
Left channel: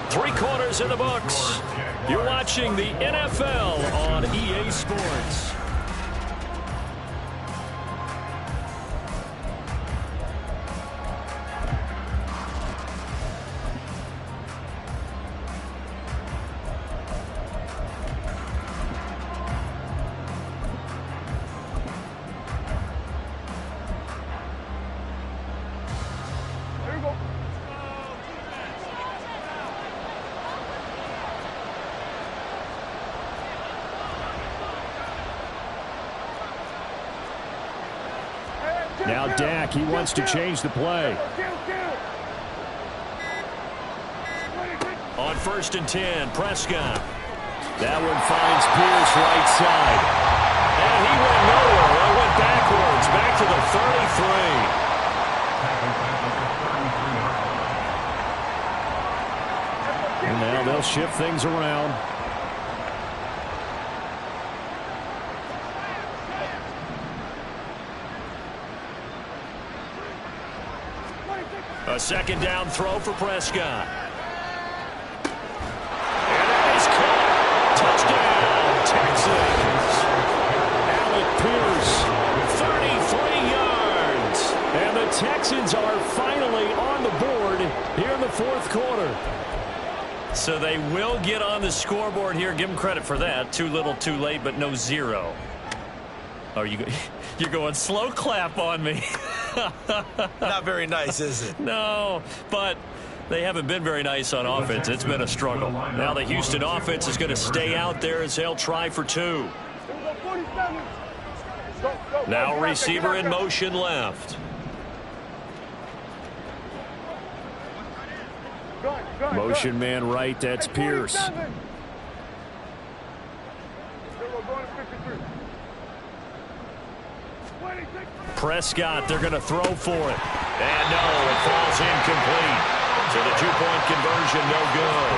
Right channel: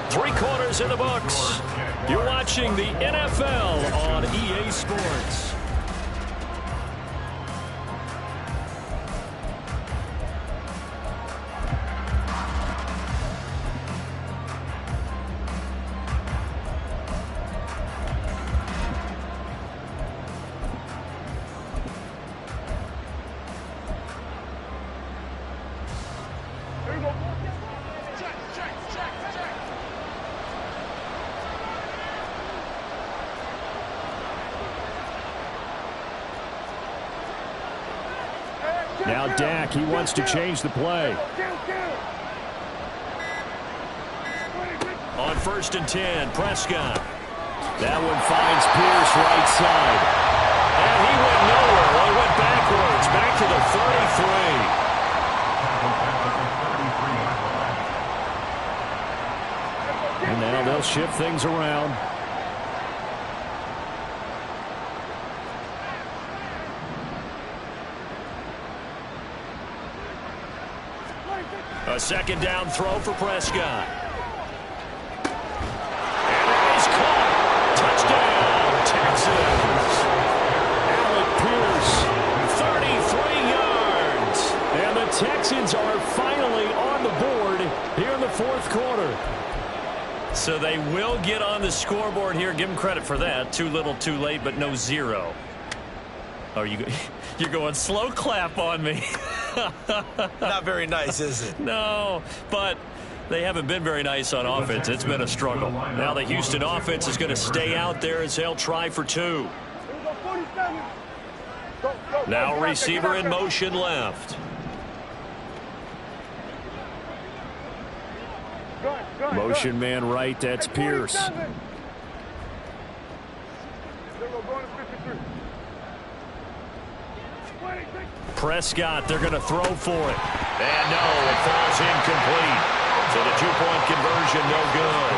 3 quarters in the books. You're watching the NFL on EA Sports. Now Dak, he wants to change the play. On 1st and 10, Prescott. That one finds Pierce right side. And he went nowhere. Well, he went backwards, back to the 33. And now they'll shift things around. A 2nd down throw for Prescott. And that is caught. Touchdown, Texans. Alec Pierce, 33 yards. And the Texans are finally on the board here in the 4th quarter. So they will get on the scoreboard here. Give them credit for that. Too little, too late, but no 0. Oh, you're going slow clap on me. Not very nice, is it? No, but they haven't been very nice on offense. It's been a struggle. Now the Houston offense is going to stay out there as they'll try for 2. Now receiver in motion left. Motion man right, that's Pierce. Prescott, they're going to throw for it. And no, it falls incomplete. So the 2-point conversion, no good.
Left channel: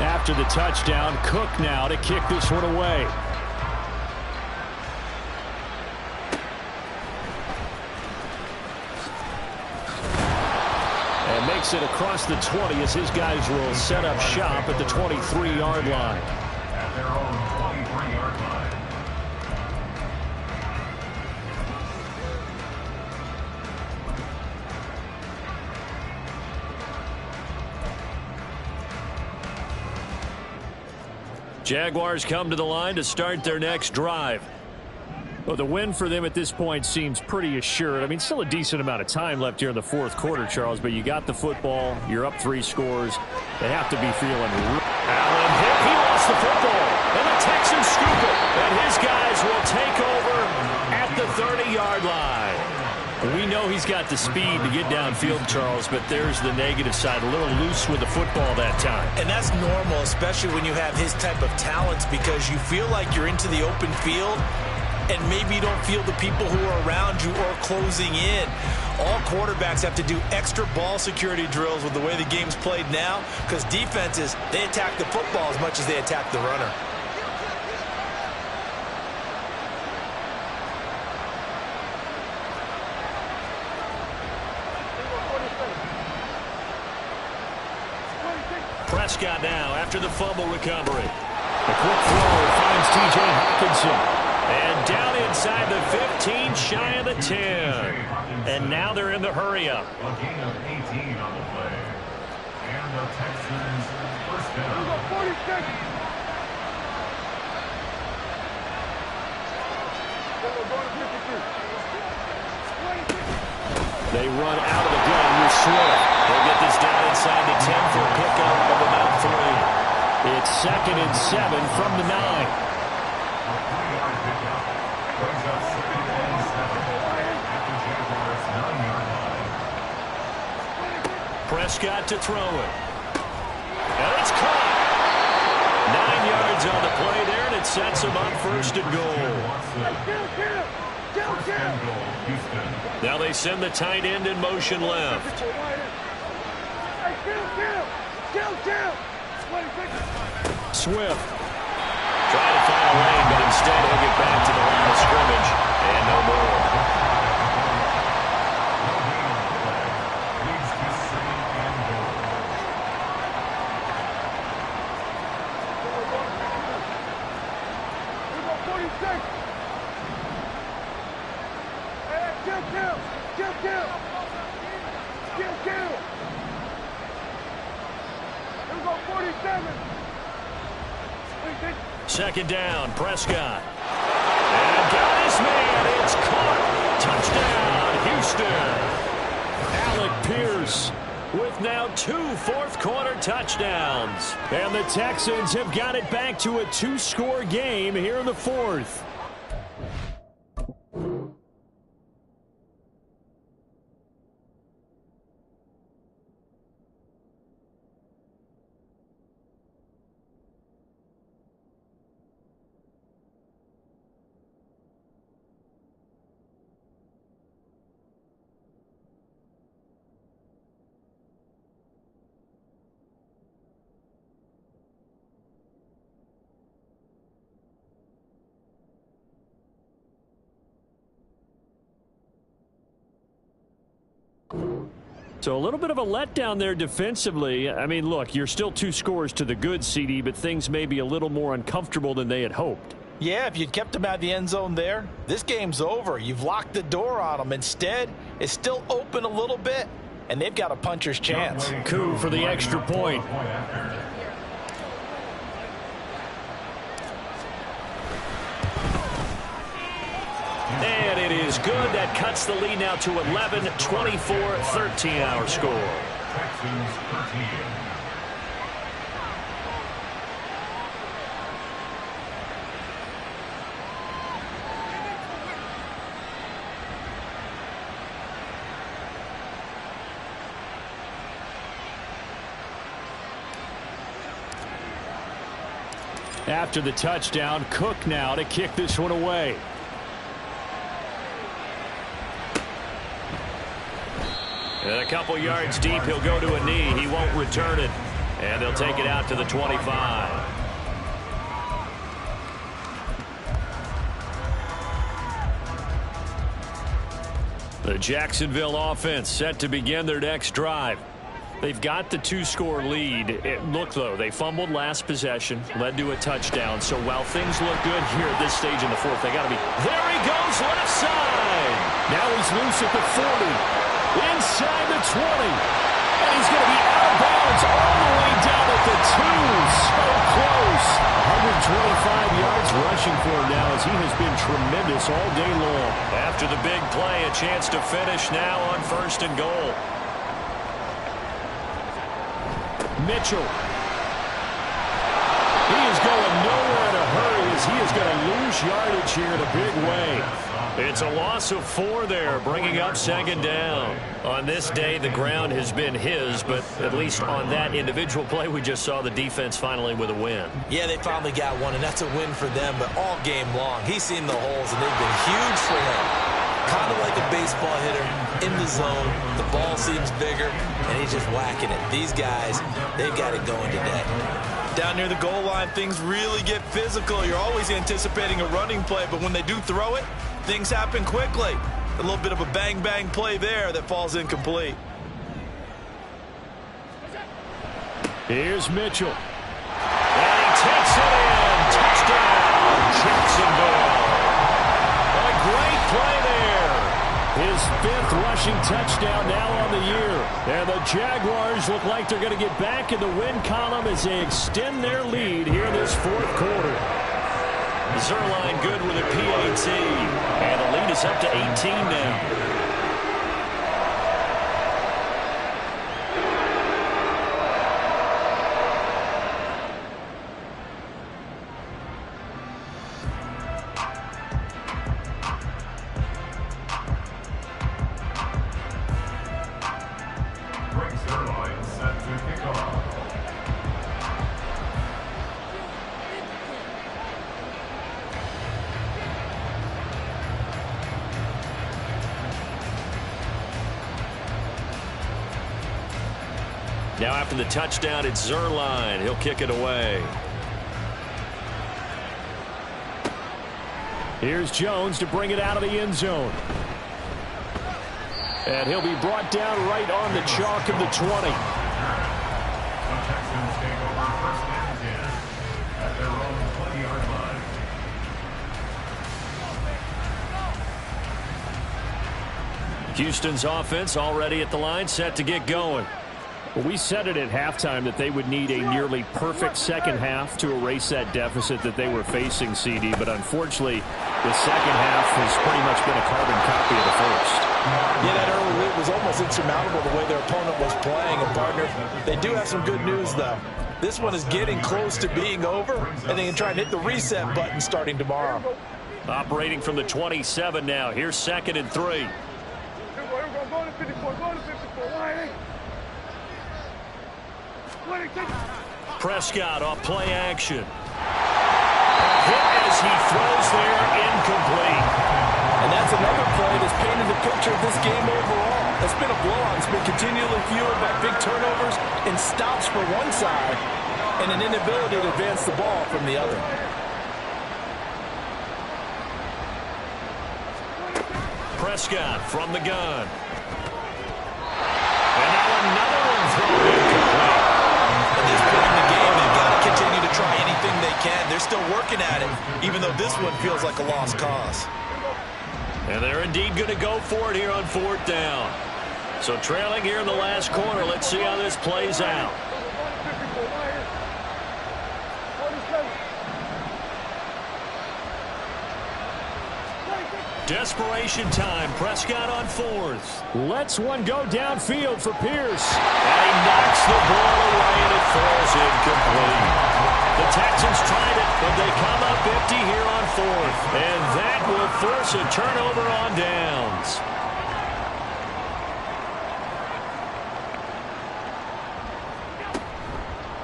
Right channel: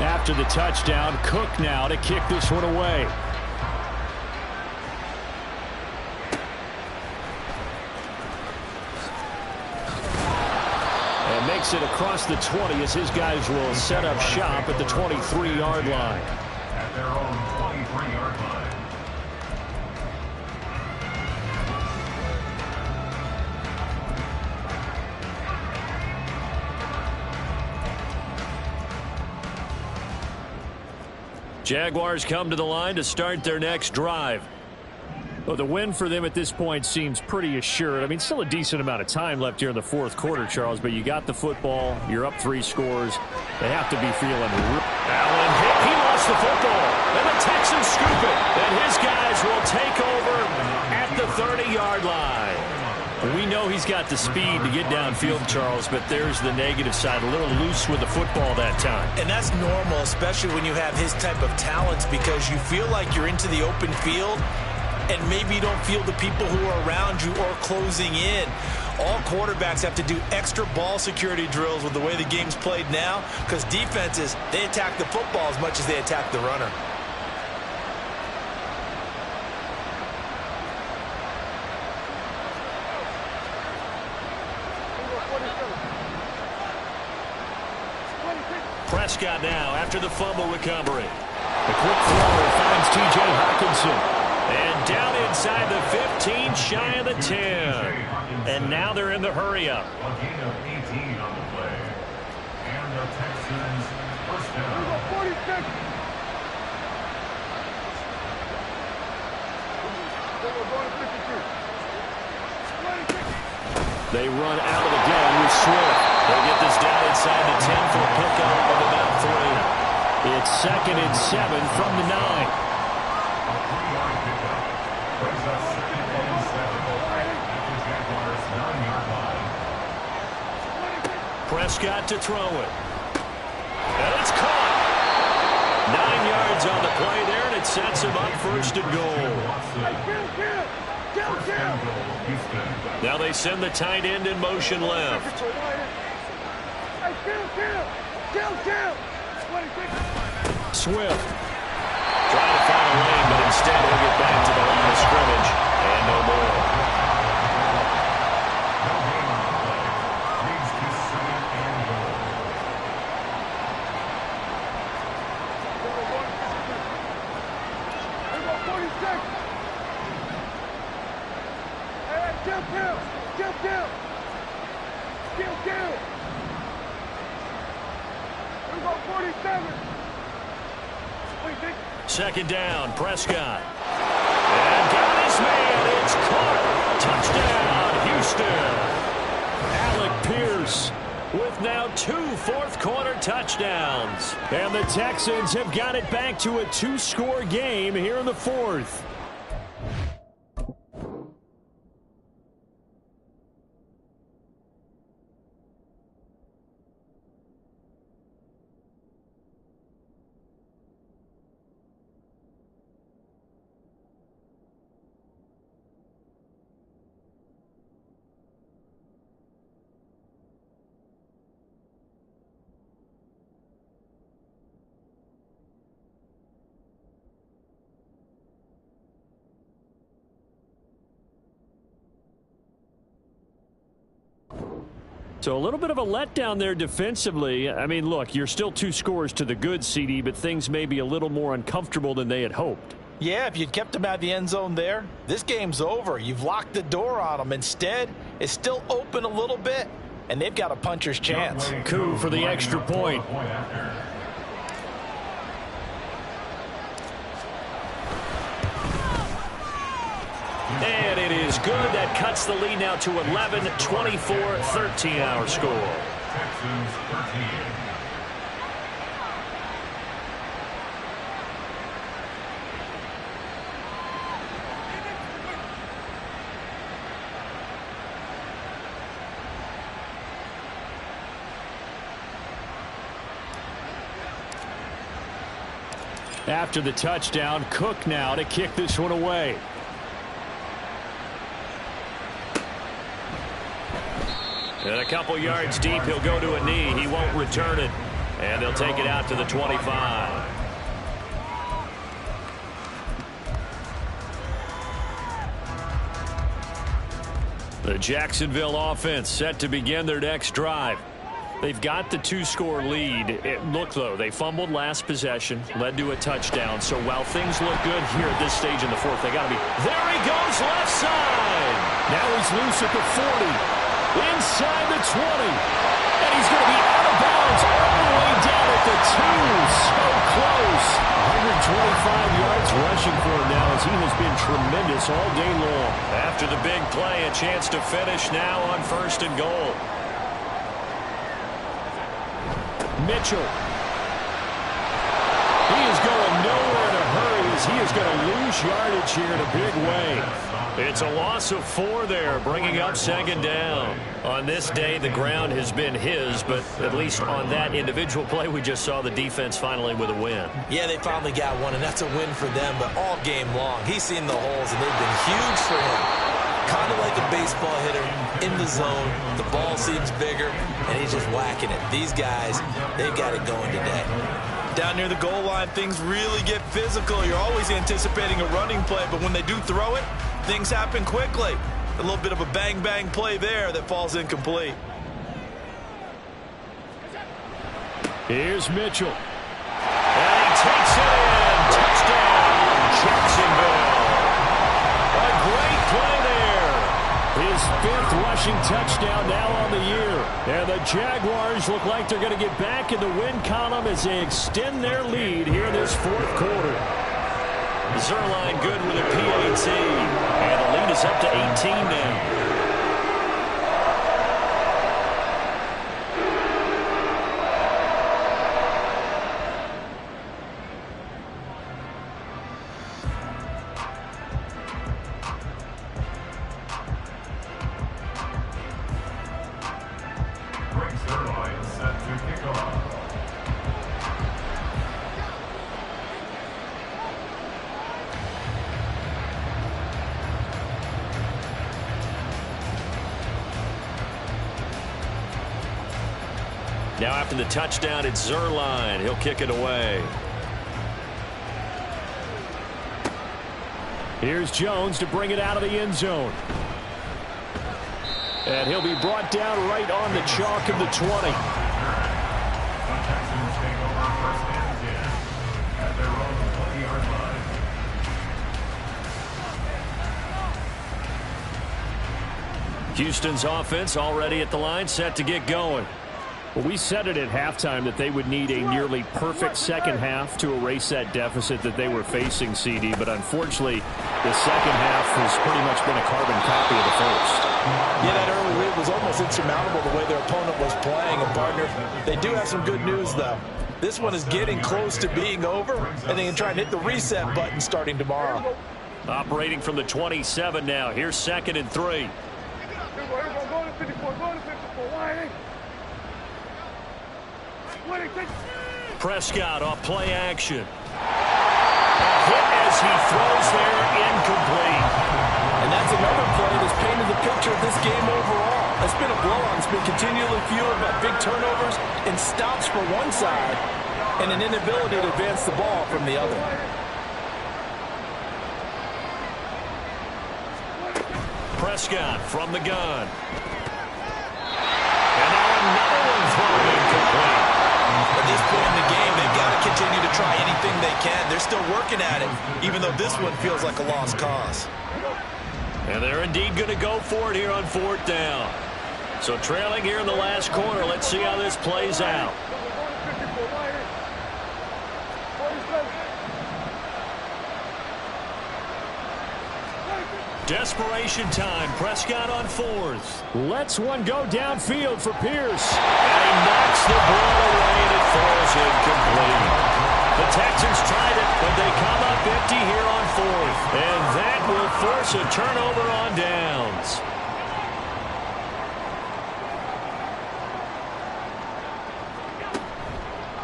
After the touchdown, Cook now to kick this one away. And makes it across the 20 as his guys will set up shop at the 23-yard line. At their own 23-yard line. Jaguars come to the line to start their next drive. Well, the win for them at this point seems pretty assured. I mean, still a decent amount of time left here in the fourth quarter, Charles, but you got the football. You're up 3 scores. They have to be feeling Allen hit. He lost the football. And the Texans scoop it. And his guys will take over at the 30-yard line. We know he's got the speed to get downfield, Charles, but there's the negative side. A little loose with the football that time. And that's normal, especially when you have his type of talents, because you feel like you're into the open field and maybe you don't feel the people who are around you or closing in. All quarterbacks have to do extra ball security drills with the way the game's played now, because defenses, they attack the football as much as they attack the runner. Prescott now after the fumble recovery. The quick throw finds T.J. Hockenson. And down inside the 15, shy of the 10. And now they're in the hurry-up. A gain of 18 on the play. And the Texans first down. 46. They run out of the gun with Swift. They'll get this down inside the 10 for a pickup of about 3. It's 2nd and 7 from the 9. A 3-yard pickup brings us 2nd and 7 at the Jaguars' 9-yard line. Prescott to throw it. And it's caught. 9 yards on the play there, and it sets him up 1st and goal. Now they send the tight end in motion left. Swift trying to find a lane, but instead he'll get back to the line of scrimmage and no more. No gain on the play. Leads to 2nd and goal. Second down, Prescott. And got his man. It's caught. Touchdown, Houston. Alec Pierce with now 2 fourth-quarter touchdowns. And the Texans have got it back to a 2-score game here in the 4th. So a little bit of a letdown there defensively. I mean, look, you're still 2 scores to the good, CD, but things may be a little more uncomfortable than they had hoped. Yeah, if you'd kept them out of the end zone there, this game's over. You've locked the door on them. Instead, it's still open a little bit, and they've got a puncher's chance. Coup for the extra point. And it is good. That cuts the lead now to 11, 24-13 our score. Texans 13. After the touchdown, Cook now to kick this one away. And a couple yards deep, he'll go to a knee. He won't return it. And they'll take it out to the 25. The Jacksonville offense set to begin their next drive. They've got the 2-score lead. Look, though, they fumbled last possession, led to a touchdown. So while things look good here at this stage in the 4th, they got to be. There he goes, left side. Now he's loose at the 40. Inside the 20. And he's going to be out of bounds all the way down at the 2. So close. 25 yards rushing for him now, as he has been tremendous all day long. After the big play, a chance to finish now on 1st and goal. Mitchell. He is going nowhere in a hurry, as he is going to lose yardage here in a big way. It's a loss of 4 there, bringing up 2nd down. On this day, the ground has been his, but at least on that individual play, we just saw the defense finally with a win. Yeah, they finally got one, and that's a win for them, but all game long, he's seen the holes, and they've been huge for him. Kind of like a baseball hitter in the zone. The ball seems bigger, and he's just whacking it. These guys, they've got it going today. Down near the goal line, things really get physical. You're always anticipating a running play, but when they do throw it, things happen quickly. A little bit of a bang-bang play there that falls incomplete. Here's Mitchell. And he takes it in. Touchdown, Jacksonville. A great play there. His 5th rushing touchdown now on the year. And the Jaguars look like they're going to get back in the win column as they extend their lead here in this 4th quarter. Zuerlein good with a PAT. And the lead is up to 18 now. Zuerlein set to kick off. Now after the touchdown, it's Zuerlein. He'll kick it away. Here's Jones to bring it out of the end zone. And he'll be brought down right on the chalk of the 20. The Texans take over 1st and 10 at their own 20-yard line. Houston's offense already at the line, set to get going. Well, we said it at halftime that they would need a nearly perfect second half to erase that deficit that they were facing, CD. But unfortunately, the second half has pretty much been a carbon copy of the first. Yeah, that early lead was almost insurmountable the way their opponent was playing. And, partner, they do have some good news, though. This one is getting close to being over, and they can try and hit the reset button starting tomorrow. Operating from the 27 now. Here's 2nd and 3. Here we go. Go to 54. Go to 54. Why? Prescott off play action. A hit as he throws there, incomplete. And that's another play that's painted the picture of this game overall. It's been a blowout. It's been continually fueled by big turnovers and stops for one side and an inability to advance the ball from the other. Prescott from the gun. And now another one thrown incomplete. At this point in the game, they've got to continue to try anything they can. They're still working at it, even though this one feels like a lost cause. And they're indeed going to go for it here on 4th down. So trailing here in the last quarter. Let's see how this plays out. Desperation time. Prescott on 4th. Lets one go downfield for Pierce. And he knocks the ball away, and it falls incomplete. The Texans tried it, but they come up empty here on 4th. And that will force a turnover on downs.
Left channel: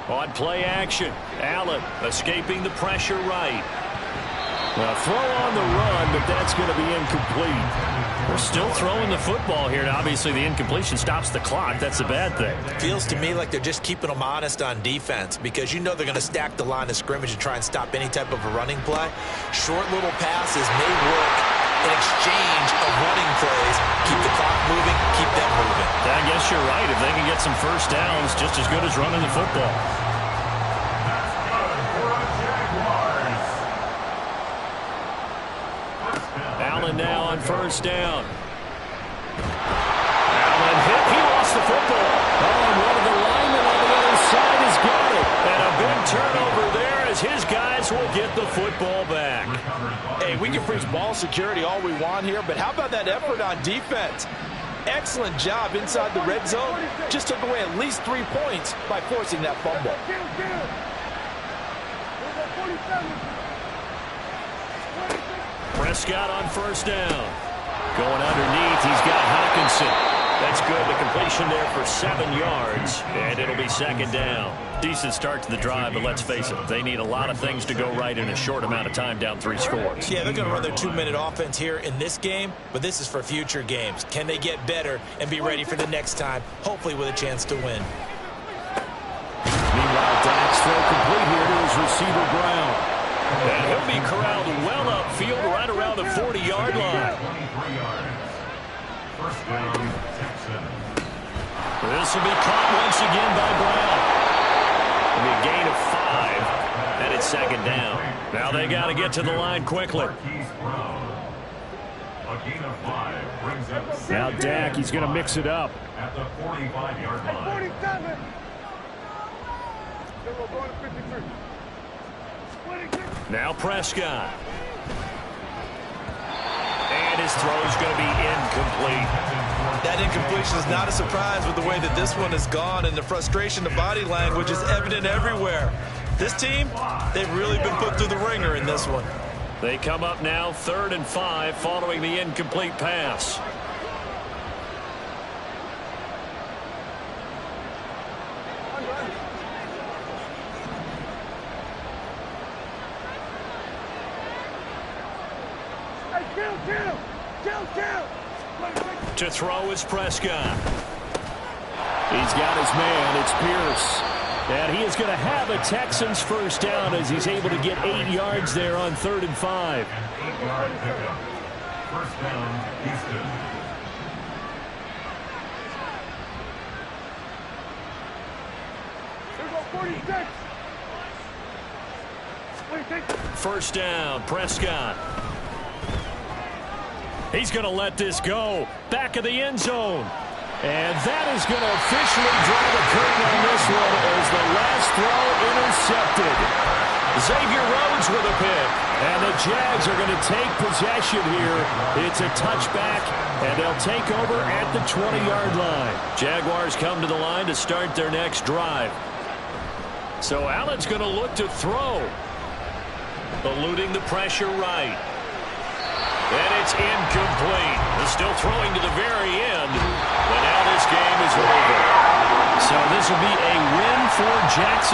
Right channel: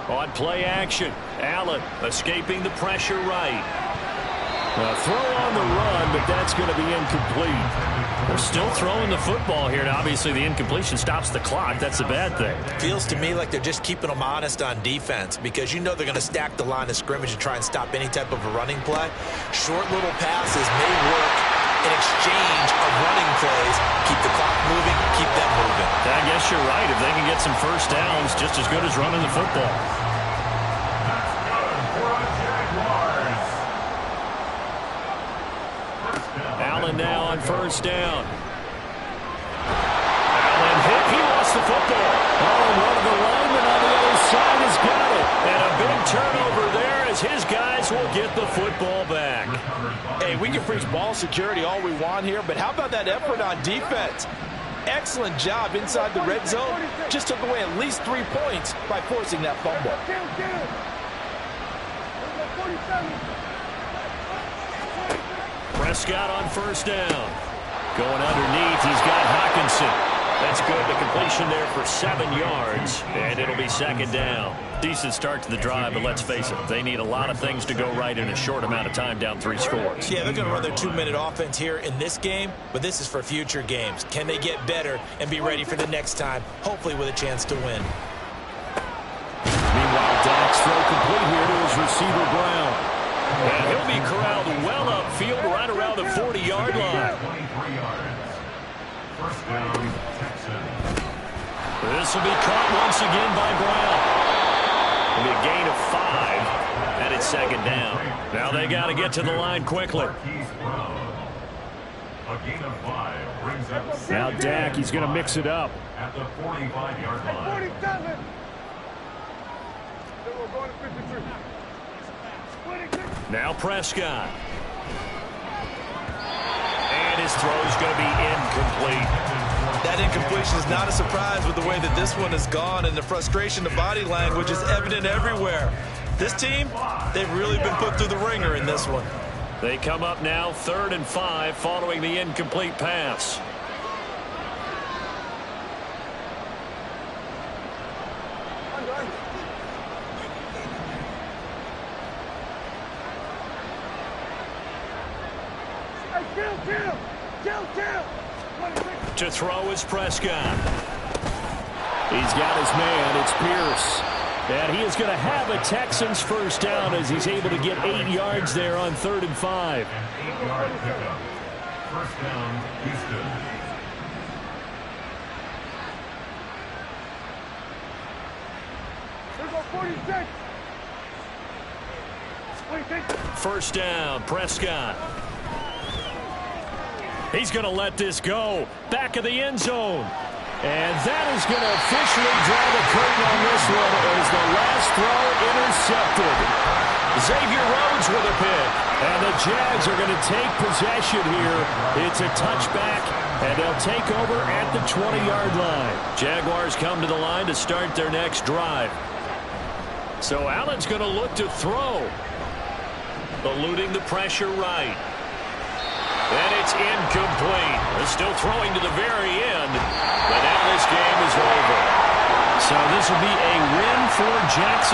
On play action, Allen escaping the pressure right. A throw on the run, but that's going to be incomplete. They're still throwing the football here, and obviously the incompletion stops the clock. That's a bad thing. Feels to me like they're just keeping them honest on defense, because you know they're going to stack the line of scrimmage and try and stop any type of a running play. Short little passes may work in exchange of running plays. Keep the clock moving, keep them moving. I guess you're right. If they can get some first downs, just as good as running the football. Allen now on 1st down. Allen hit. He lost the football. Oh, and one of the linemen on the other side has got it. And a big turnover there as his guys will get football back. Hey, we can preach ball security all we want here, but how about that effort on defense? Excellent job inside the red zone. Just took away at least 3 points by forcing that fumble. Prescott on first down. Going underneath, he's got Hockenson. That's good. The completion there for 7 yards, and it'll be second down. Decent start to the drive, but let's face it, they need a lot of things to go right in a short amount of time, down 3 scores. Yeah, they're going to run their 2-minute offense here in this game, but this is for future games. Can they get better and be ready for the next time, hopefully with a chance to win? Meanwhile, Dak's throw complete here to his receiver, Brown. And he'll be corralled well upfield right around the 40-yard line. 23 yards. First down, Texans. This will be caught once again by Brown. It'll be a gain of 5, and it's second down. Now they got to get to the line quickly. A gain of 5 brings up. Now Dak, he's going to mix it up. At the 45-yard line. 47. Then we're going to 53. 26. Now Prescott. And his throw's going to be incomplete. That incompletion is not a surprise with the way that this one has gone, and the frustration, the body language is evident everywhere. This team, they've really been put through the ringer in this one. They come up now 3rd and 5 following the incomplete pass. To throw is Prescott. He's got his man. It's Pierce. And he is going to have a Texans first down as he's able to get 8 yards there on 3rd and 5. An 8-yard pickup. First down, Houston. Here go 46. 26. First down, Prescott. He's going to let this go. Back of the end zone. And that is going to officially draw the curtain on this one as the last throw intercepted. Xavier Rhodes with a pick. And the Jags are going to take possession here. It's a touchback, and they'll take over at the 20-yard line. Jaguars come to the line to start their next drive. So Allen's going to look to throw. Eluding the pressure right. And it's incomplete. They're still throwing to the very end. But now this game is over. So this will be a win for Jacksonville.